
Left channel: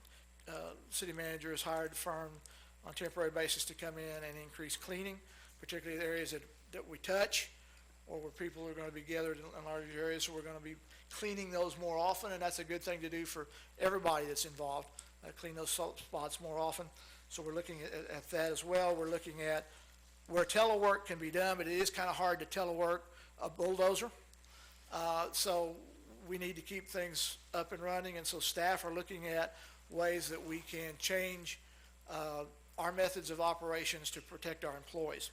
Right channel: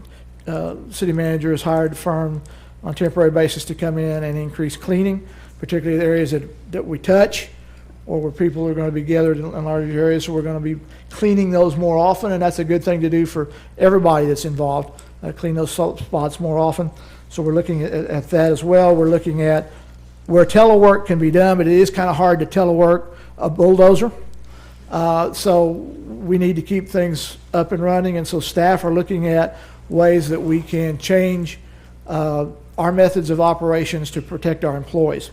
city manager has hired a firm on a temporary basis to come in and increase cleaning, particularly the areas that we touch or where people are going to be gathered in large areas. So we're going to be cleaning those more often, and that's a good thing to do for everybody that's involved, clean those spots more often. So we're looking at that as well. We're looking at where telework can be done, but it is kind of hard to telework a bulldozer. So we need to keep things up and running, and so staff are looking at ways that we can change our methods of operations to protect our employees,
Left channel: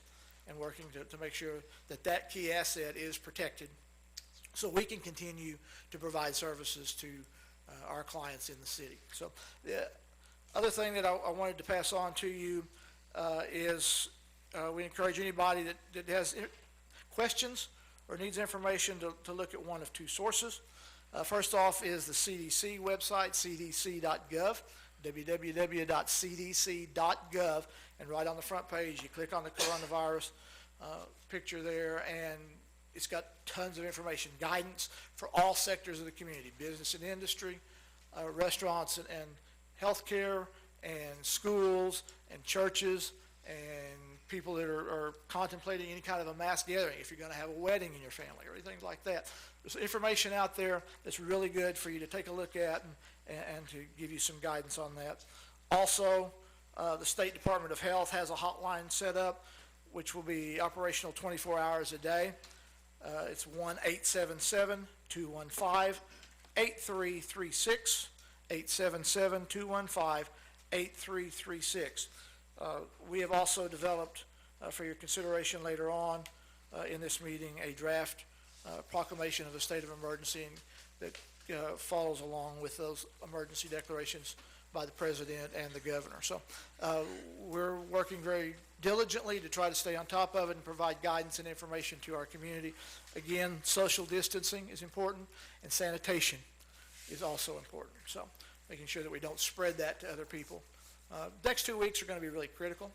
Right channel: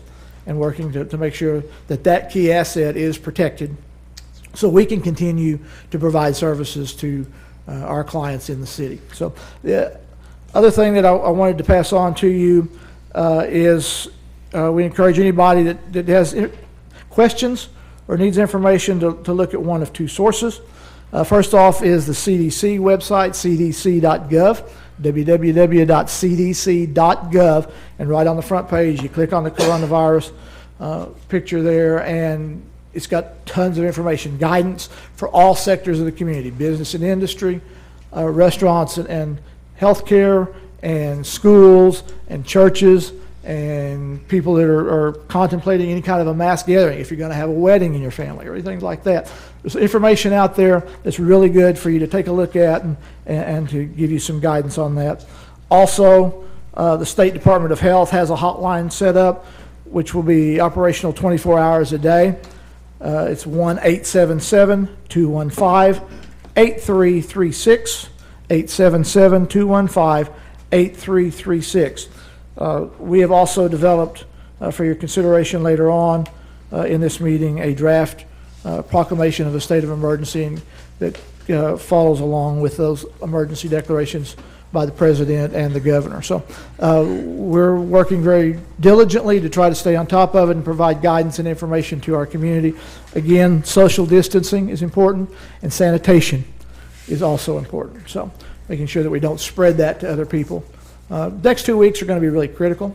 and working to make sure that that key asset is protected so we can continue to provide services to our clients in the city. So the other thing that I wanted to pass on to you is we encourage anybody that has questions or needs information to look at one of 2 sources. First off is the CDC website, cdc.gov, www.cdc.gov, and right on the front page, you click on the coronavirus picture there, and it's got tons of information, guidance for all sectors of the community, business and industry, restaurants and healthcare, and schools and churches, and people that are contemplating any kind of a mass gathering, if you're going to have a wedding in your family or anything like that. There's information out there that's really good for you to take a look at and to give you some guidance on that. Also, the State Department of Health has a hotline set up, which will be operational 24 hours a day. It's 1-877-215-8336, 877-215-8336. We have also developed, for your consideration later on in this meeting, a draft proclamation of a state of emergency that follows along with those emergency declarations by the president and the governor. So we're working very diligently to try to stay on top of it and provide guidance and information to our community. Again, social distancing is important, and sanitation is also important. So making sure that we don't spread that to other people. Next 2 weeks are going to be really critical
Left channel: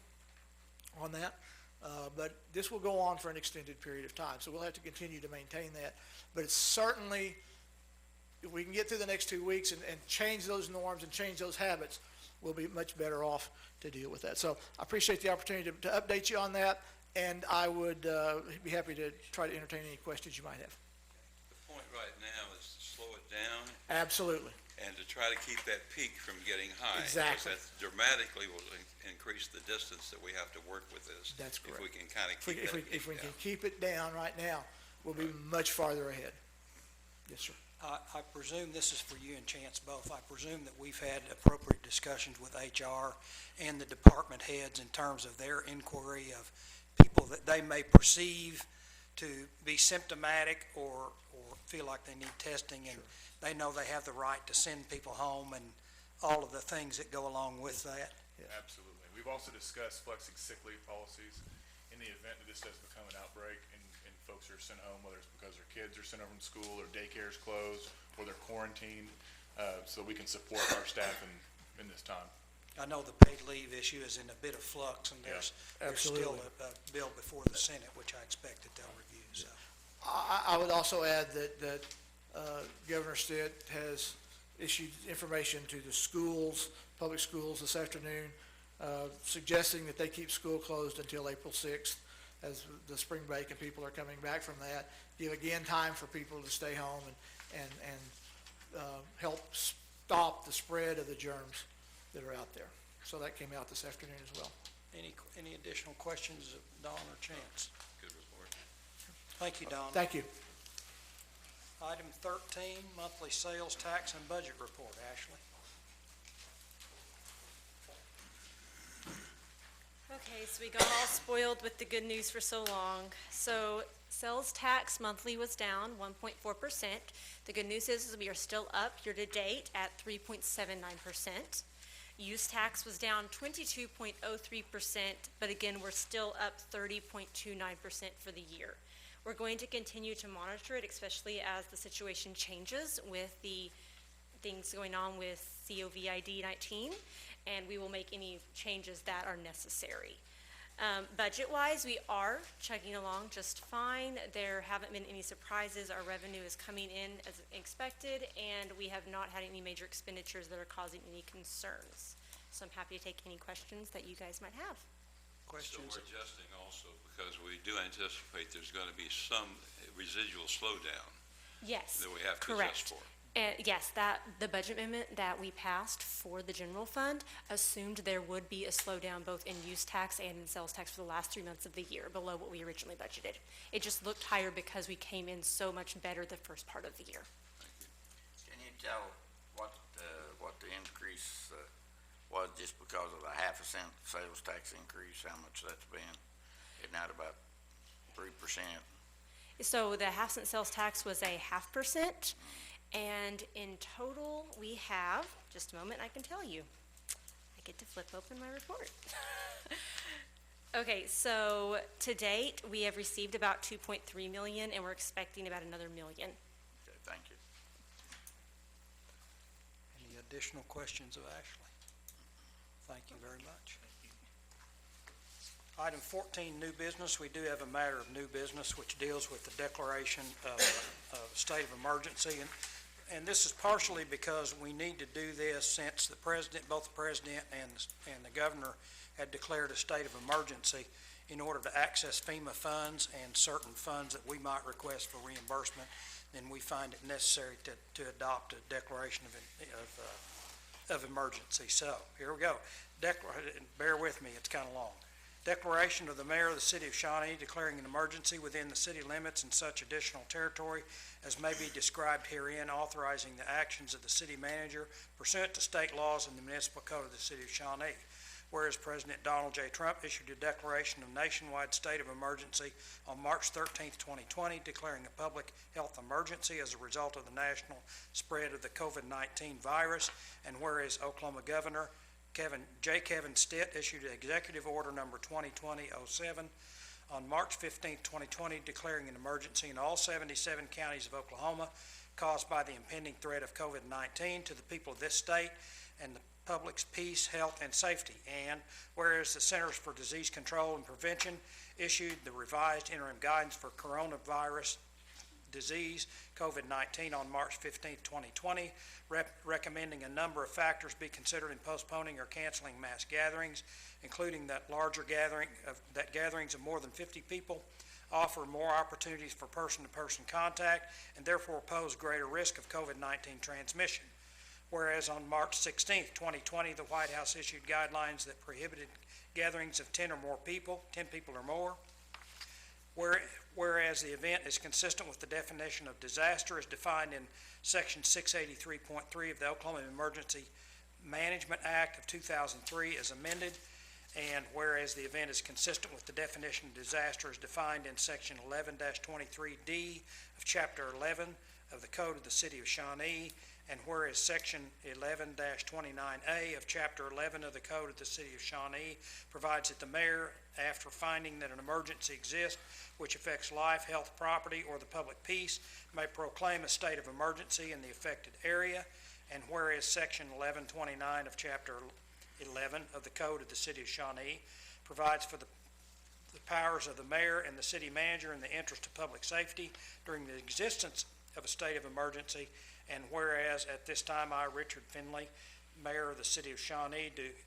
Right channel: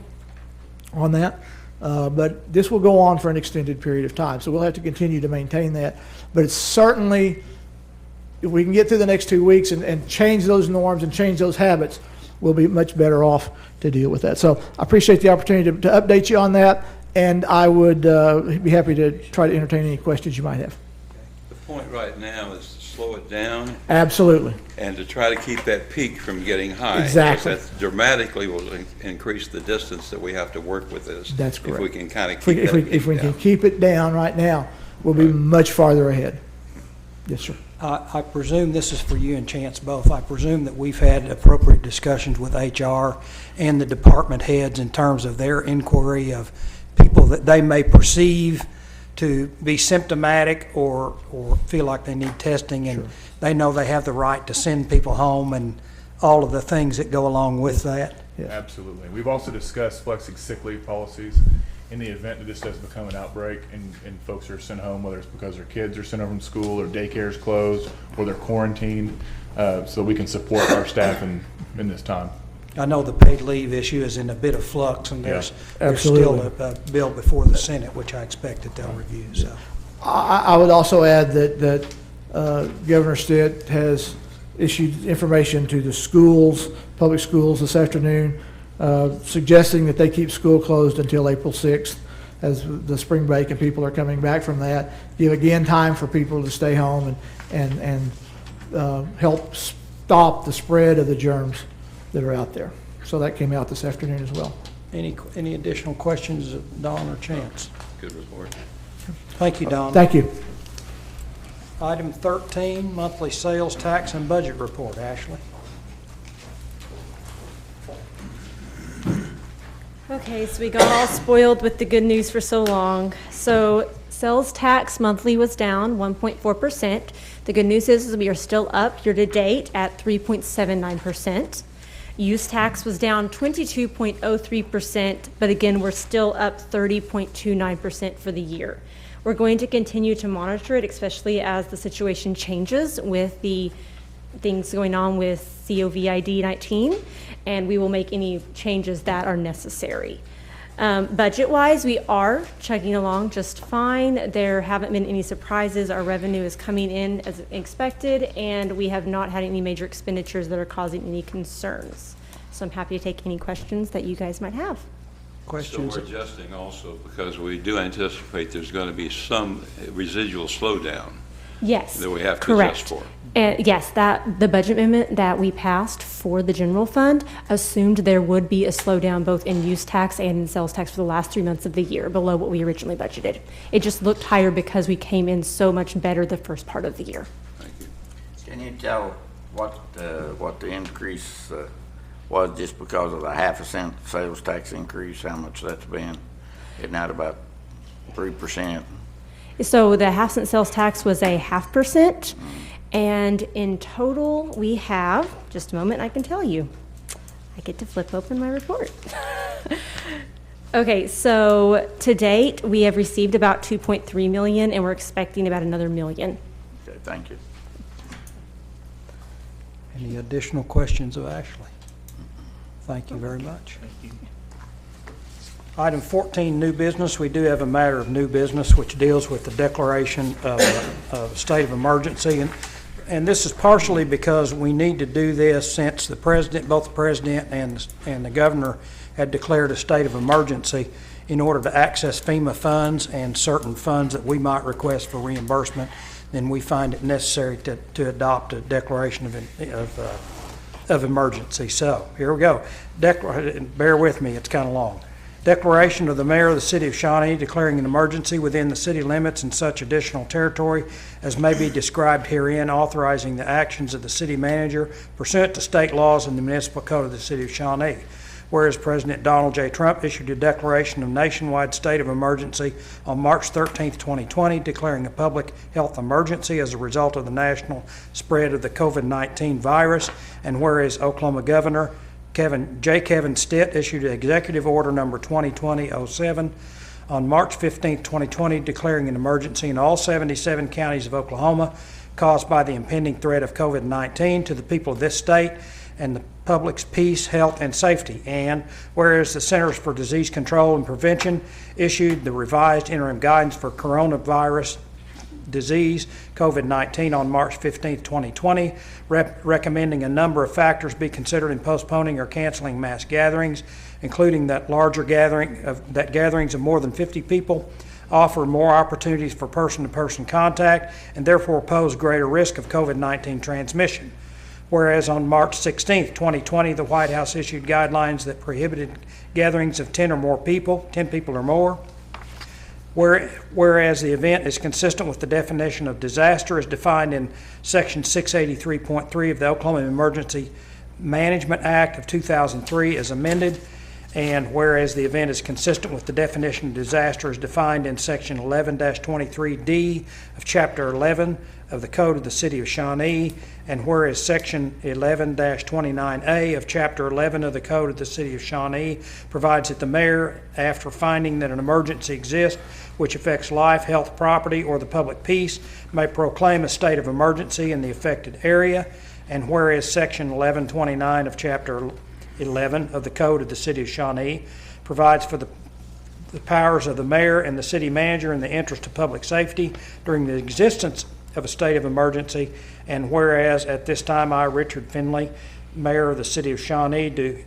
on that, but this will go on for an extended period of time, so we'll have to continue to maintain that. But it's certainly, if we can get through the next 2 weeks and change those norms and change those habits, we'll be much better off to deal with that. So I appreciate the opportunity to update you on that, and I would be happy to try to entertain any questions you might have. The point right now is to slow it down Absolutely. and to try to keep that peak from getting high. Exactly. Because that dramatically will increase the distance that we have to work with this. That's correct. If we can kind of keep that peak If we can down. keep it down right now, we'll be much farther ahead. Yes, sir. I presume this is for you and Chance both. I presume that we've had appropriate discussions with HR and the department heads in terms of their inquiry of people that they may perceive to be symptomatic or feel like they need testing, and they know they have the right to send people home and all of the things that go along with that. Yeah. Absolutely. We've also discussed flexing sick leave policies in the event that this does become an outbreak and folks are sent home, whether it's because their kids are sent home from school or daycare is closed or they're quarantined, so we can support our staff in this time. I know the paid leave issue is in a bit of flux, and there's still a bill before the Senate, which I expect that they'll review. So I would also add that Governor Stitt has issued information to the schools, public schools this afternoon, suggesting that they keep school closed until April 6th as the spring break and people are coming back from that. Give again time for people to stay home and help stop the spread of the germs that are out there. So that came out this afternoon as well. Any additional questions of Don or Chance? Good report. Thank you, Don. Thank you. Item 13, monthly sales tax and budget report. Ashley? Okay, so we got all spoiled with the good news for so long. So sales tax monthly was down 1.4%. The good news is we are still up year-to-date at 3.79%. Use tax was down 22.03%, but again, we're still up 30.29% for the year. We're going to continue to monitor it, especially as the situation changes with the things going on with COVID-19, and we will make any changes that are necessary. Budget-wise, we are chugging along just fine. There haven't been any surprises. Our revenue is coming in as expected, and we have not had any major expenditures that are causing any concerns. So I'm happy to take any questions that you guys might have. Questions? So we're adjusting also because we do anticipate there's going to be some residual slowdown Yes, that we have to correct. adjust for. And yes, the budget amendment that we passed for the general fund assumed there would be a slowdown both in use tax and in sales tax for the last 3 months of the year, below what we originally budgeted. It just looked higher because we came in so much better the first part of the year. Thank you. Can you tell what the increase was just because of the 1/2 cent sales tax increase, how much that's been? Isn't that about 3%? So the 1/2 cent sales tax was a 0.5%. And in total, we have, just a moment, I can tell you. I get to flip open my report. Okay, so to date, we have received about 2.3 million, and we're expecting about another million. Okay, thank you. Any additional questions of Ashley? Thank you very much. Item 14, new business. We do have a matter of new business which deals with the declaration of a state of emergency. And this is partially because we need to do this since the president, both the president and the governor had declared a state of emergency in order to access FEMA funds and certain funds that we might request for reimbursement. Then we find it necessary to adopt a declaration of emergency. So here we go. Bear with me, it's kind of long. Declaration of the Mayor of the City of Shawnee declaring an emergency within the city limits and such additional territory as may be described herein, authorizing the actions of the city manager pursuant to state laws and the municipal code of the City of Shawnee. Whereas President Donald J. Trump issued a declaration of nationwide state of emergency on March 13, 2020, declaring a public health emergency as a result of the national spread of the COVID-19 virus, and whereas Oklahoma Governor Kevin Stitt issued Executive Order number 2020-07 on March 15, 2020, declaring an emergency in all 77 counties of Oklahoma caused by the impending threat of COVID-19 to the people of this state and the public's peace, health, and safety. And whereas the Centers for Disease Control and Prevention issued the revised interim guidance for coronavirus disease, COVID-19, on March 15, 2020, recommending a number of factors be considered in postponing or canceling mass gatherings, including that gatherings of more than 50 people offer more opportunities for person-to-person contact and therefore pose greater risk of COVID-19 transmission. Whereas on March 16, 2020, the White House issued guidelines that prohibited gatherings of 10 people or more. Whereas the event is consistent with the definition of disaster as defined in Section 683.3 of the Oklahoma Emergency Management Act of 2003 as amended, and whereas the event is consistent with the definition of disaster as defined in Section 11-23D of Chapter 11 of the Code of the City of Shawnee, and whereas Section 11-29A of Chapter 11 of the Code of the City of Shawnee provides that the mayor, after finding that an emergency exists which affects life, health, property, or the public peace, may proclaim a state of emergency in the affected area, and whereas Section 11-29 of Chapter 11 of the Code of the City of Shawnee provides for the powers of the mayor and the city manager in the interest of public safety during the existence of a state of emergency, and whereas at this time I, Richard Finley, Mayor of the City of Shawnee, do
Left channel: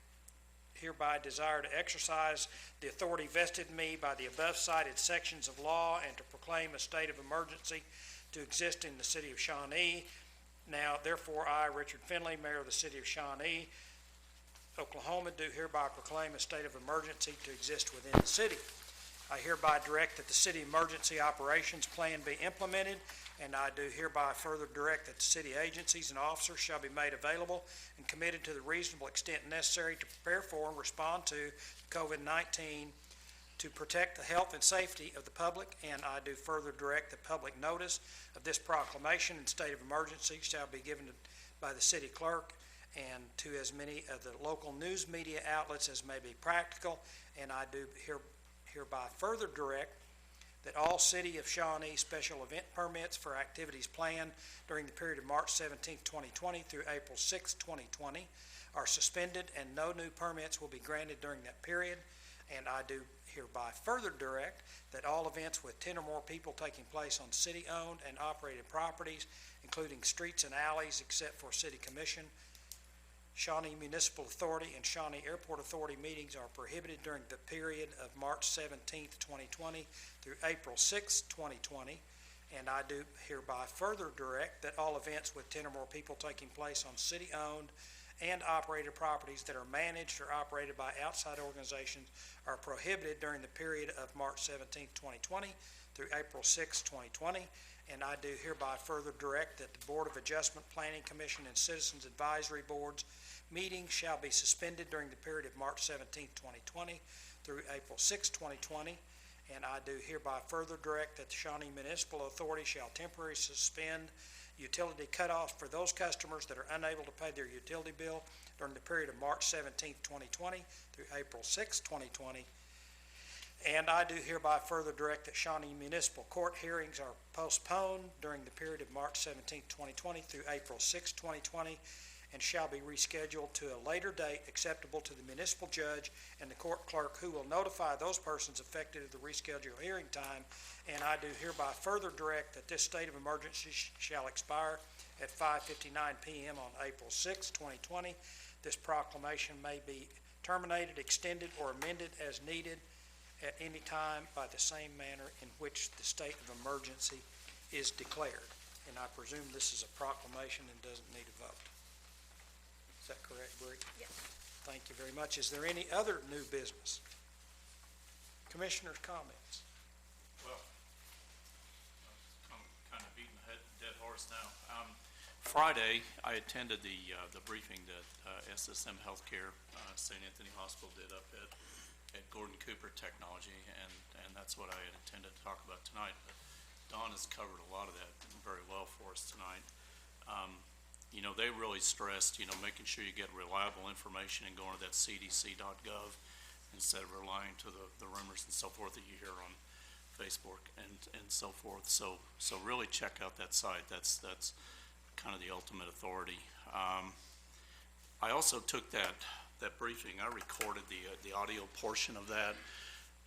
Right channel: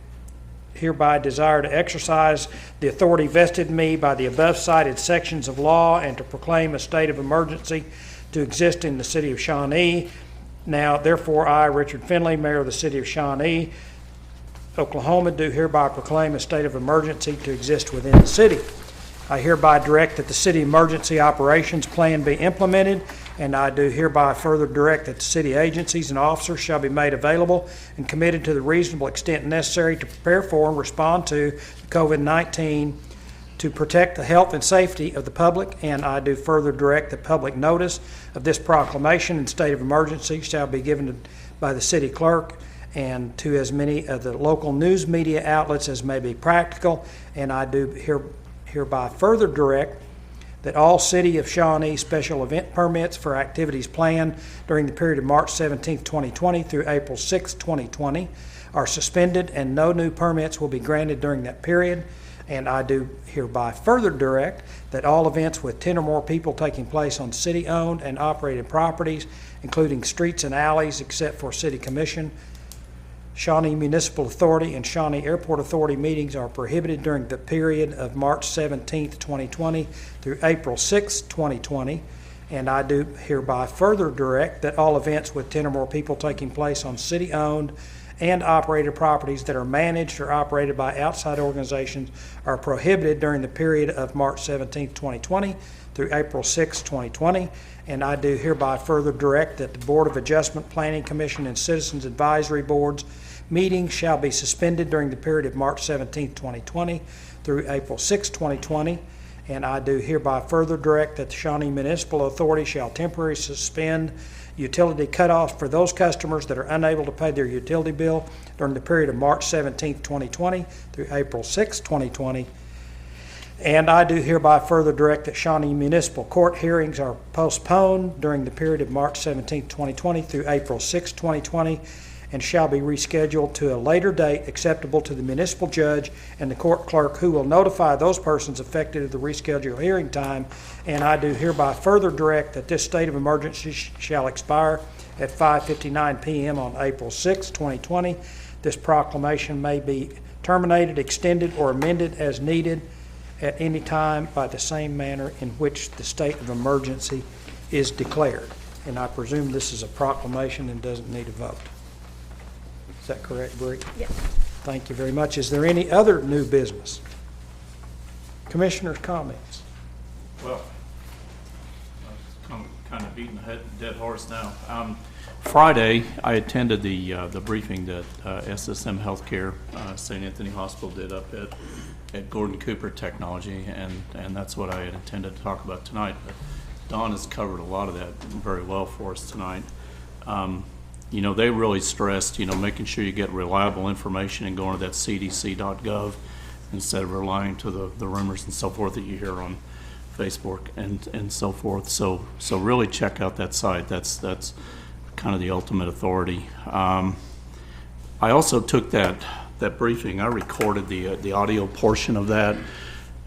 hereby desire to exercise the authority vested in me by the above cited sections of law and to proclaim a state of emergency to exist in the City of Shawnee, Now, therefore, I, Richard Finley, Mayor of the City of Shawnee, Oklahoma, do hereby proclaim a state of emergency to exist within the city. I hereby direct that the city emergency operations plan be implemented, and I do hereby further direct that the city agencies and officers shall be made available and committed to the reasonable extent necessary to prepare for and respond to COVID-19 to protect the health and safety of the public, and I do further direct that public notice of this proclamation and state of emergency shall be given by the city clerk and to as many of the local news media outlets as may be practical, and I do hereby further direct that all City of Shawnee special event permits for activities planned during the period of March 17, 2020 through April 6, 2020 are suspended and no new permits will be granted during that period. And I do hereby further direct that all events with 10 or more people taking place on city-owned and operated properties, including streets and alleys except for City Commission, Shawnee Municipal Authority, and Shawnee Airport Authority meetings are prohibited during the period of March 17, 2020 through April 6, 2020. And I do hereby further direct that all events with 10 or more people taking place on city-owned and operated properties that are managed or operated by outside organizations are prohibited during the period of March 17, 2020 through April 6, 2020. And I do hereby further direct that the Board of Adjustment, Planning Commission, and Citizens Advisory Boards meetings shall be suspended during the period of March 17, 2020 through April 6, 2020. And I do hereby further direct that the Shawnee Municipal Authority shall temporarily suspend utility cutoffs for those customers that are unable to pay their utility bill during the period of March 17, 2020 through April 6, 2020. And I do hereby further direct that Shawnee Municipal Court hearings are postponed during the period of March 17, 2020 through April 6, 2020 and shall be rescheduled to a later date acceptable to the municipal judge and the court clerk, who will notify those persons affected of the rescheduled hearing time. And I do hereby further direct that this state of emergency shall expire at 5:59 p.m. on April 6, 2020. This proclamation may be terminated, extended, or amended as needed at any time by the same manner in which the state of emergency is declared. And I presume this is a proclamation and doesn't need a vote. Is that correct, Bree? Yes. Thank you very much. Is there any other new business? Commissioners' comments? Well, I'm kind of beating a dead horse now. Friday, I attended the briefing that SSM Healthcare, St. Anthony Hospital did up at Gordon Cooper Technology, and that's what I had intended to talk about tonight. But Dawn has covered a lot of that very well for us tonight. You know, they really stressed, you know, making sure you get reliable information and going to that cdc.gov instead of relying to the rumors and so forth that you hear on Facebook and so forth. So really check out that site. That's kind of the ultimate authority. I also took that briefing. I recorded the audio portion of that,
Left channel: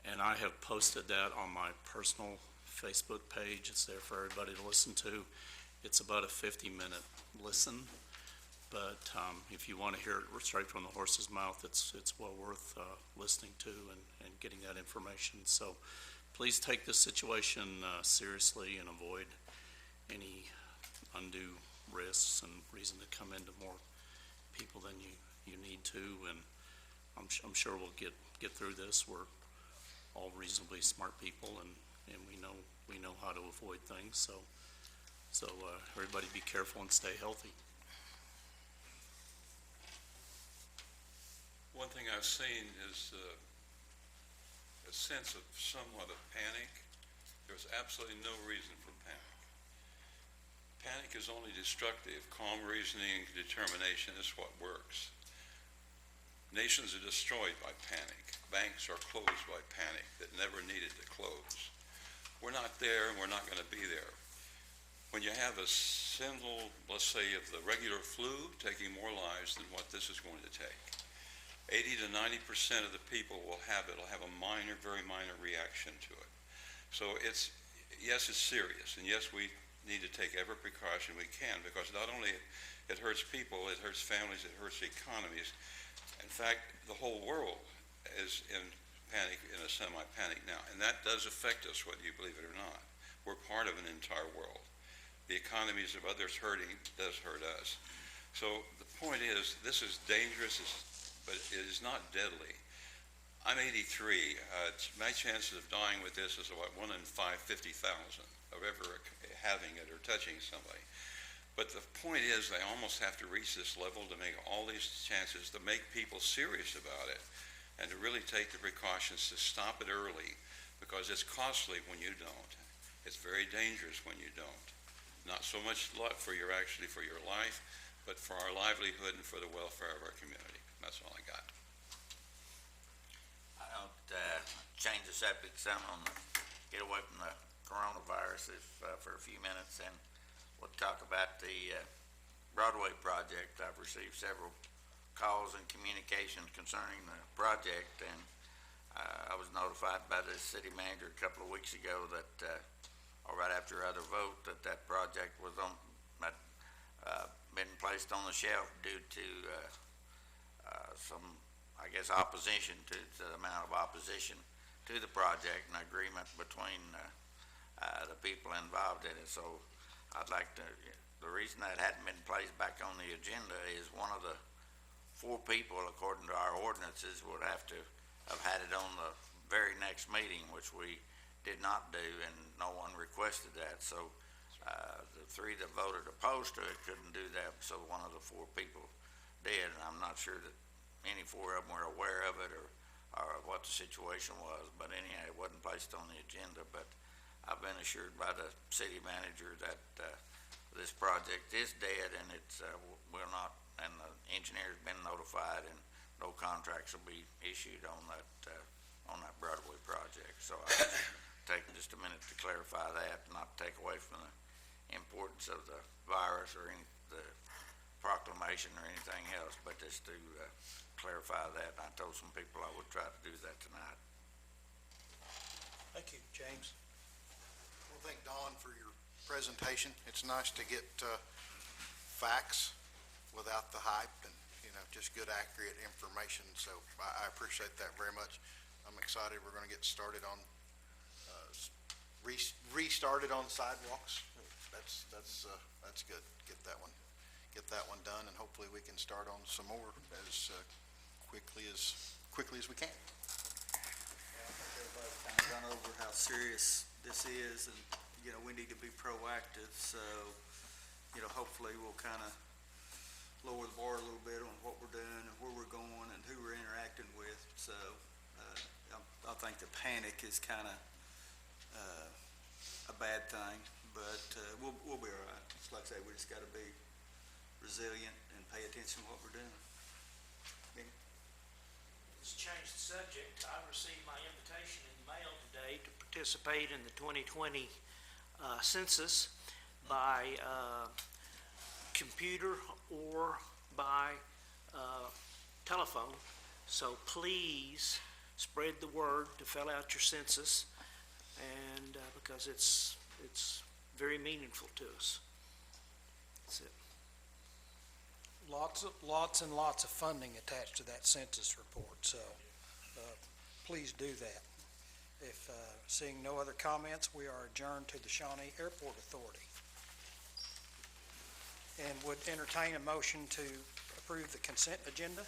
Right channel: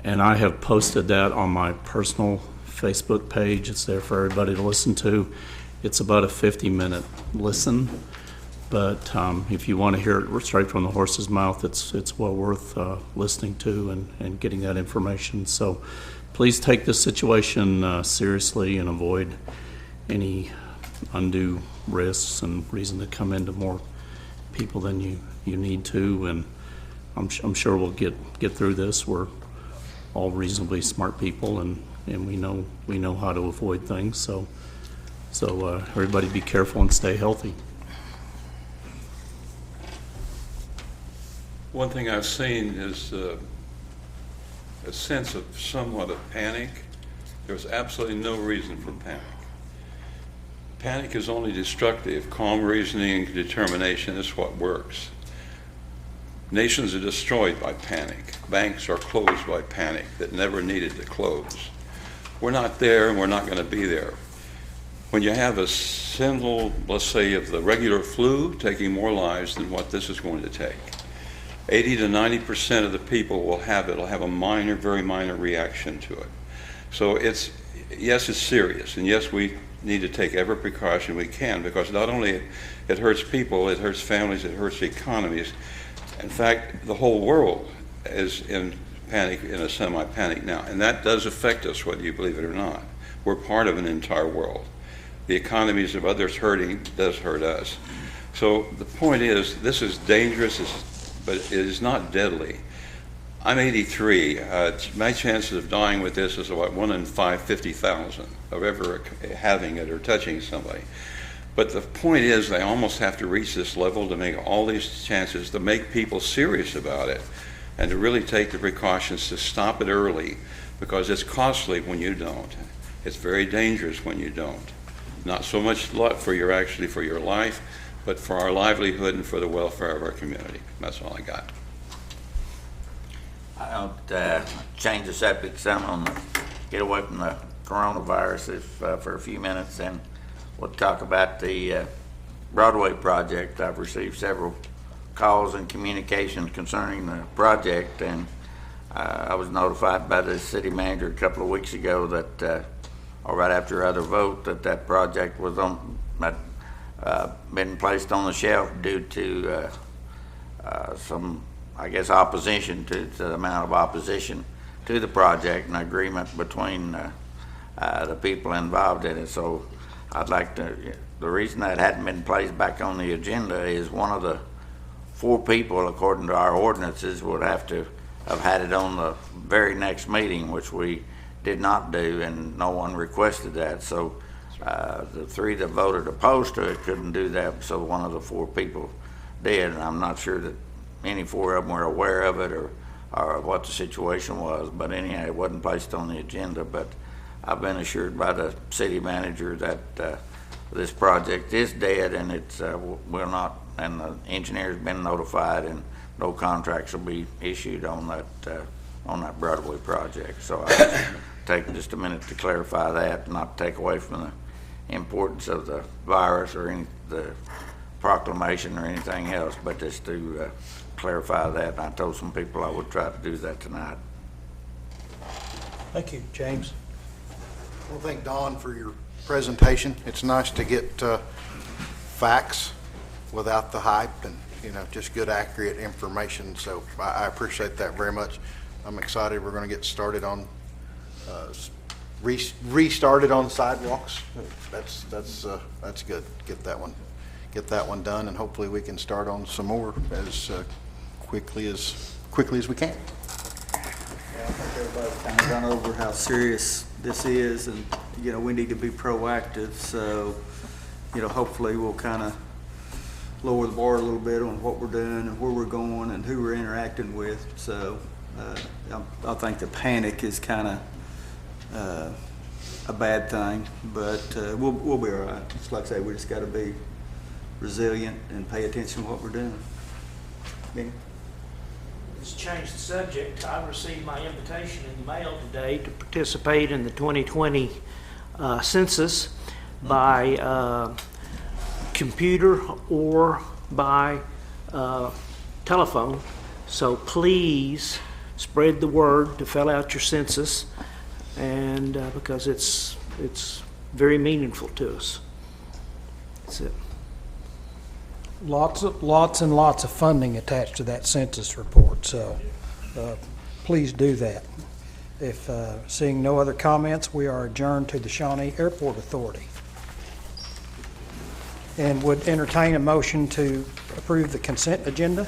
and I have posted that on my personal Facebook page. It's there for everybody to listen to. It's about a 50-minute listen, but if you want to hear it straight from the horse's mouth, it's well worth listening to and getting that information. So please take this situation seriously and avoid any undue risks and reason to come into more people than you need to. And I'm sure we'll get through this. We're all reasonably smart people, and we know how to avoid things. So everybody be careful and stay healthy. One thing I've seen is a sense of somewhat of panic. There's absolutely no reason for panic. Panic is only destructive. Calm reasoning and determination is what works. Nations are destroyed by panic. Banks are closed by panic that never needed to close. We're not there, and we're not going to be there. When you have a symbol, let's say, of the regular flu taking more lives than what this is going to take, 80 to 90% of the people will have a minor, very minor reaction to it. So yes, it's serious, and yes, we need to take every precaution we can, because not only it hurts people, it hurts families, it hurts economies. In fact, the whole world is in panic, in a semi-panic now, and that does affect us, whether you believe it or not. We're part of an entire world. the economies of others hurting does hurt us. So the point is, this is dangerous, but it is not deadly. I'm 83. My chances of dying with this is about 1 in 50,000 of ever having it or touching somebody. But the point is, they almost have to reach this level to make all these chances, to make people serious about it, and to really take the precautions to stop it early, because it's costly when you don't. It's very dangerous when you don't. Not so much for your life, but for our livelihood and for the welfare of our community. That's all I got. I don't change the subject some on the, get away from the coronavirus for a few minutes, and we'll talk about the Broadway project. I've received several calls and communications concerning the project, and I was notified by the city manager a couple of weeks ago that, or right after other vote, that project was been placed on the shelf due to some, I guess, opposition to the amount of opposition to the project and agreement between the people involved in it. So I'd like to, the reason that hadn't been placed back on the agenda is one of the 4 people, according to our ordinances, would have to have had it on the very next meeting, which we did not do, and no one requested that. So the 3 that voted opposed to it couldn't do that, so one of the 4 people did, and I'm not sure that any 4 of them were aware of it or what the situation was. But anyhow, it wasn't placed on the agenda. But I've been assured by the city manager that this project is dead, and it's will not, and the engineer's been notified, and no contracts will be issued on that Broadway project. So I'll take just a minute to clarify that, not take away from the importance of the virus or the proclamation or anything else, but just to clarify that. And I told some people I would try to do that tonight. Thank you, James. Well, thank Don for your presentation. It's nice to get facts without the hype and, just good, accurate information. So I appreciate that very much. I'm excited we're going to get started on, restarted on sidewalks. That's good. Get that one done, and hopefully we can start on some more as quickly as we can. Yeah, I think everybody's kind of gone over how serious this is, and, we need to be proactive. So, hopefully we'll kind of lower the bar a little bit on what we're doing and where we're going and who we're interacting with. So, I think the panic is kind of a bad thing, but we'll be all right. Just like I say, we just got to be resilient and pay attention to what we're doing. Benny? Let's change the subject. I received my invitation in the mail today to participate in the 2020 census by computer or by telephone. So please spread the word to fill out your census, and because it's very meaningful to us. That's it. Lots and lots of funding attached to that census report, so please do that. If seeing no other comments, we are adjourned to the Shawnee Airport Authority. And would entertain a motion to approve the consent agenda.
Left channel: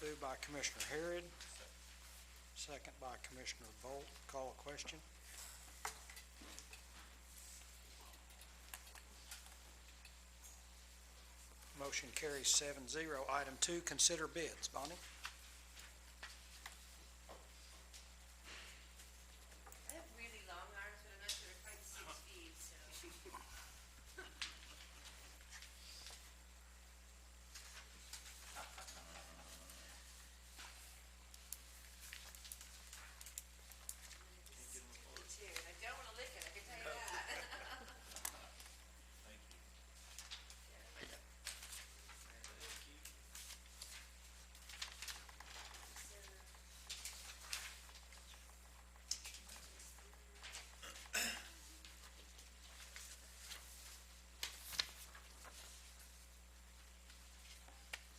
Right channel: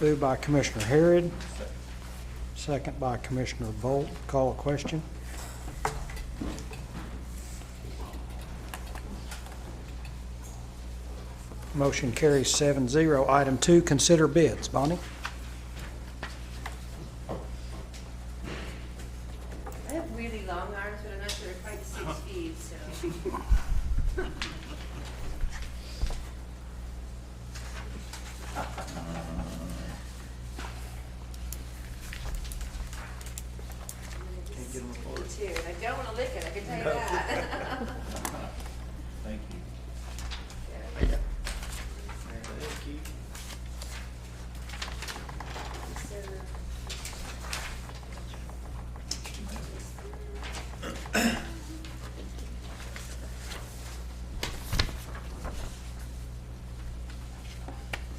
Moved by Commissioner Harrod, second by Commissioner Bolt. Call a question. Motion carries 7-0. Item 2, consider bids. Bonnie? I have really long arms, but I'm not sure they're quite 6 feet, so. Too. And I don't want to lick it, I can tell you that. Thank you. Thank you.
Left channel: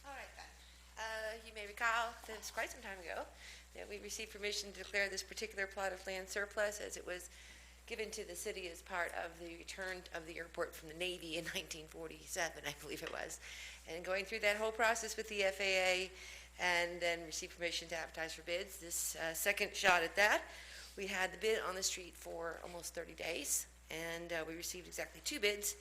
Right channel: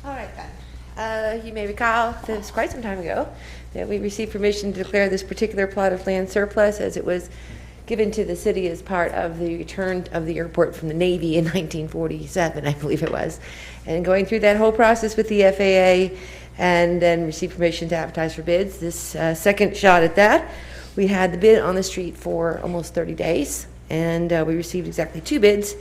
All right then. You may recall that it was quite some time ago that we received permission to declare this particular plot of land surplus, as it was given to the city as part of the return of the airport from the Navy in 1947, I believe it was. And going through that whole process with the FAA, and then received permission to advertise for bids. This second shot at that, we had the bid on the street for almost 30 days, and we received exactly 2 bids.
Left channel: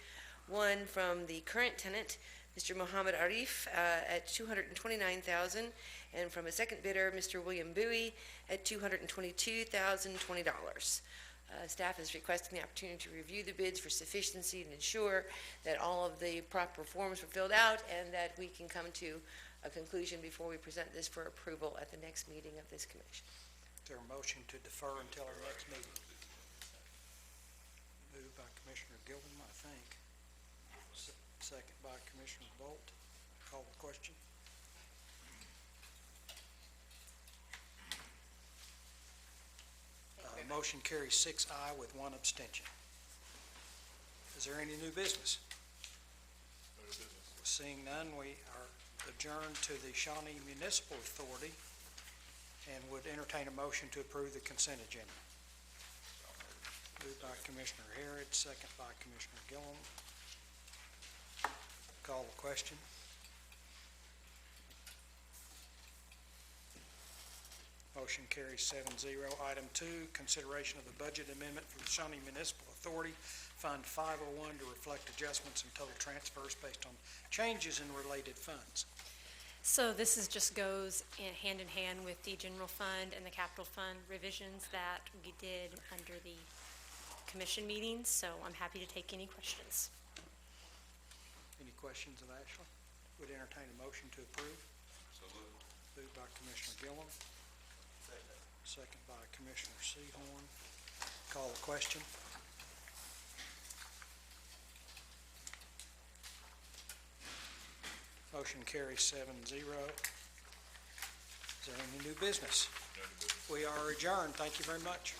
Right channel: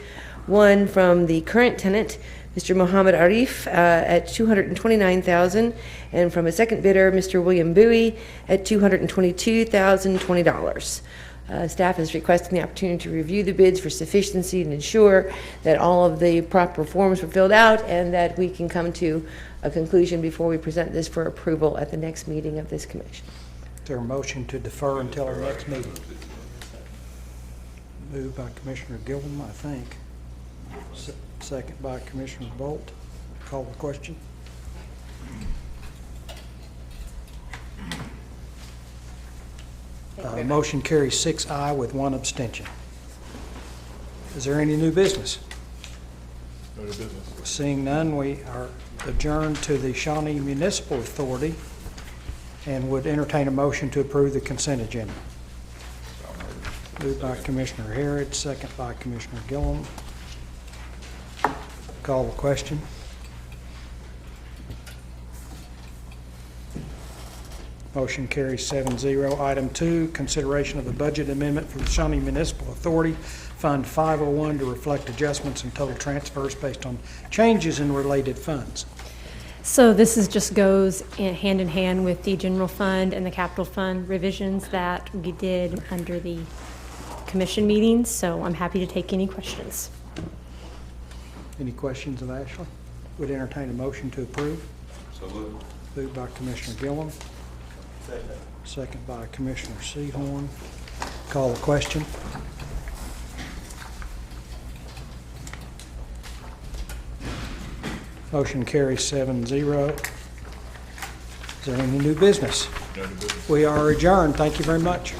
One from the current tenant, Mr. Mohammed Arif, at $229,000, and from a second bidder, Mr. William Bowie, at $222,020. Staff is requesting the opportunity to review the bids for sufficiency and ensure that all of the proper forms were filled out and that we can come to a conclusion before we present this for approval at the next meeting of this commission. Is there a motion to defer until our next meeting? Moved by Commissioner Gilman, I think. Second by Commissioner Bolt. Call the question. Motion carries 6 ayes with 1 abstention. Is there any new business? No new business. Seeing none, we are adjourned to the Shawnee Municipal Authority and would entertain a motion to approve the consent agenda. Moved by Commissioner Harrod, second by Commissioner Gillum. Call the question. Motion carries 7-0. Item 2, consideration of the budget amendment for the Shawnee Municipal Authority, Fund 501, to reflect adjustments and total transfers based on changes in related funds. So this just goes hand in hand with the general fund and the capital fund revisions that we did under the commission meetings, so I'm happy to take any questions. Any questions of Ashley? Would entertain a motion to approve. So moved. Moved by Commissioner Gillum. Second by Commissioner Seahorn. Call the question. Motion carries 7-0. Is there any new business? No new business. We are adjourned. Thank you very much.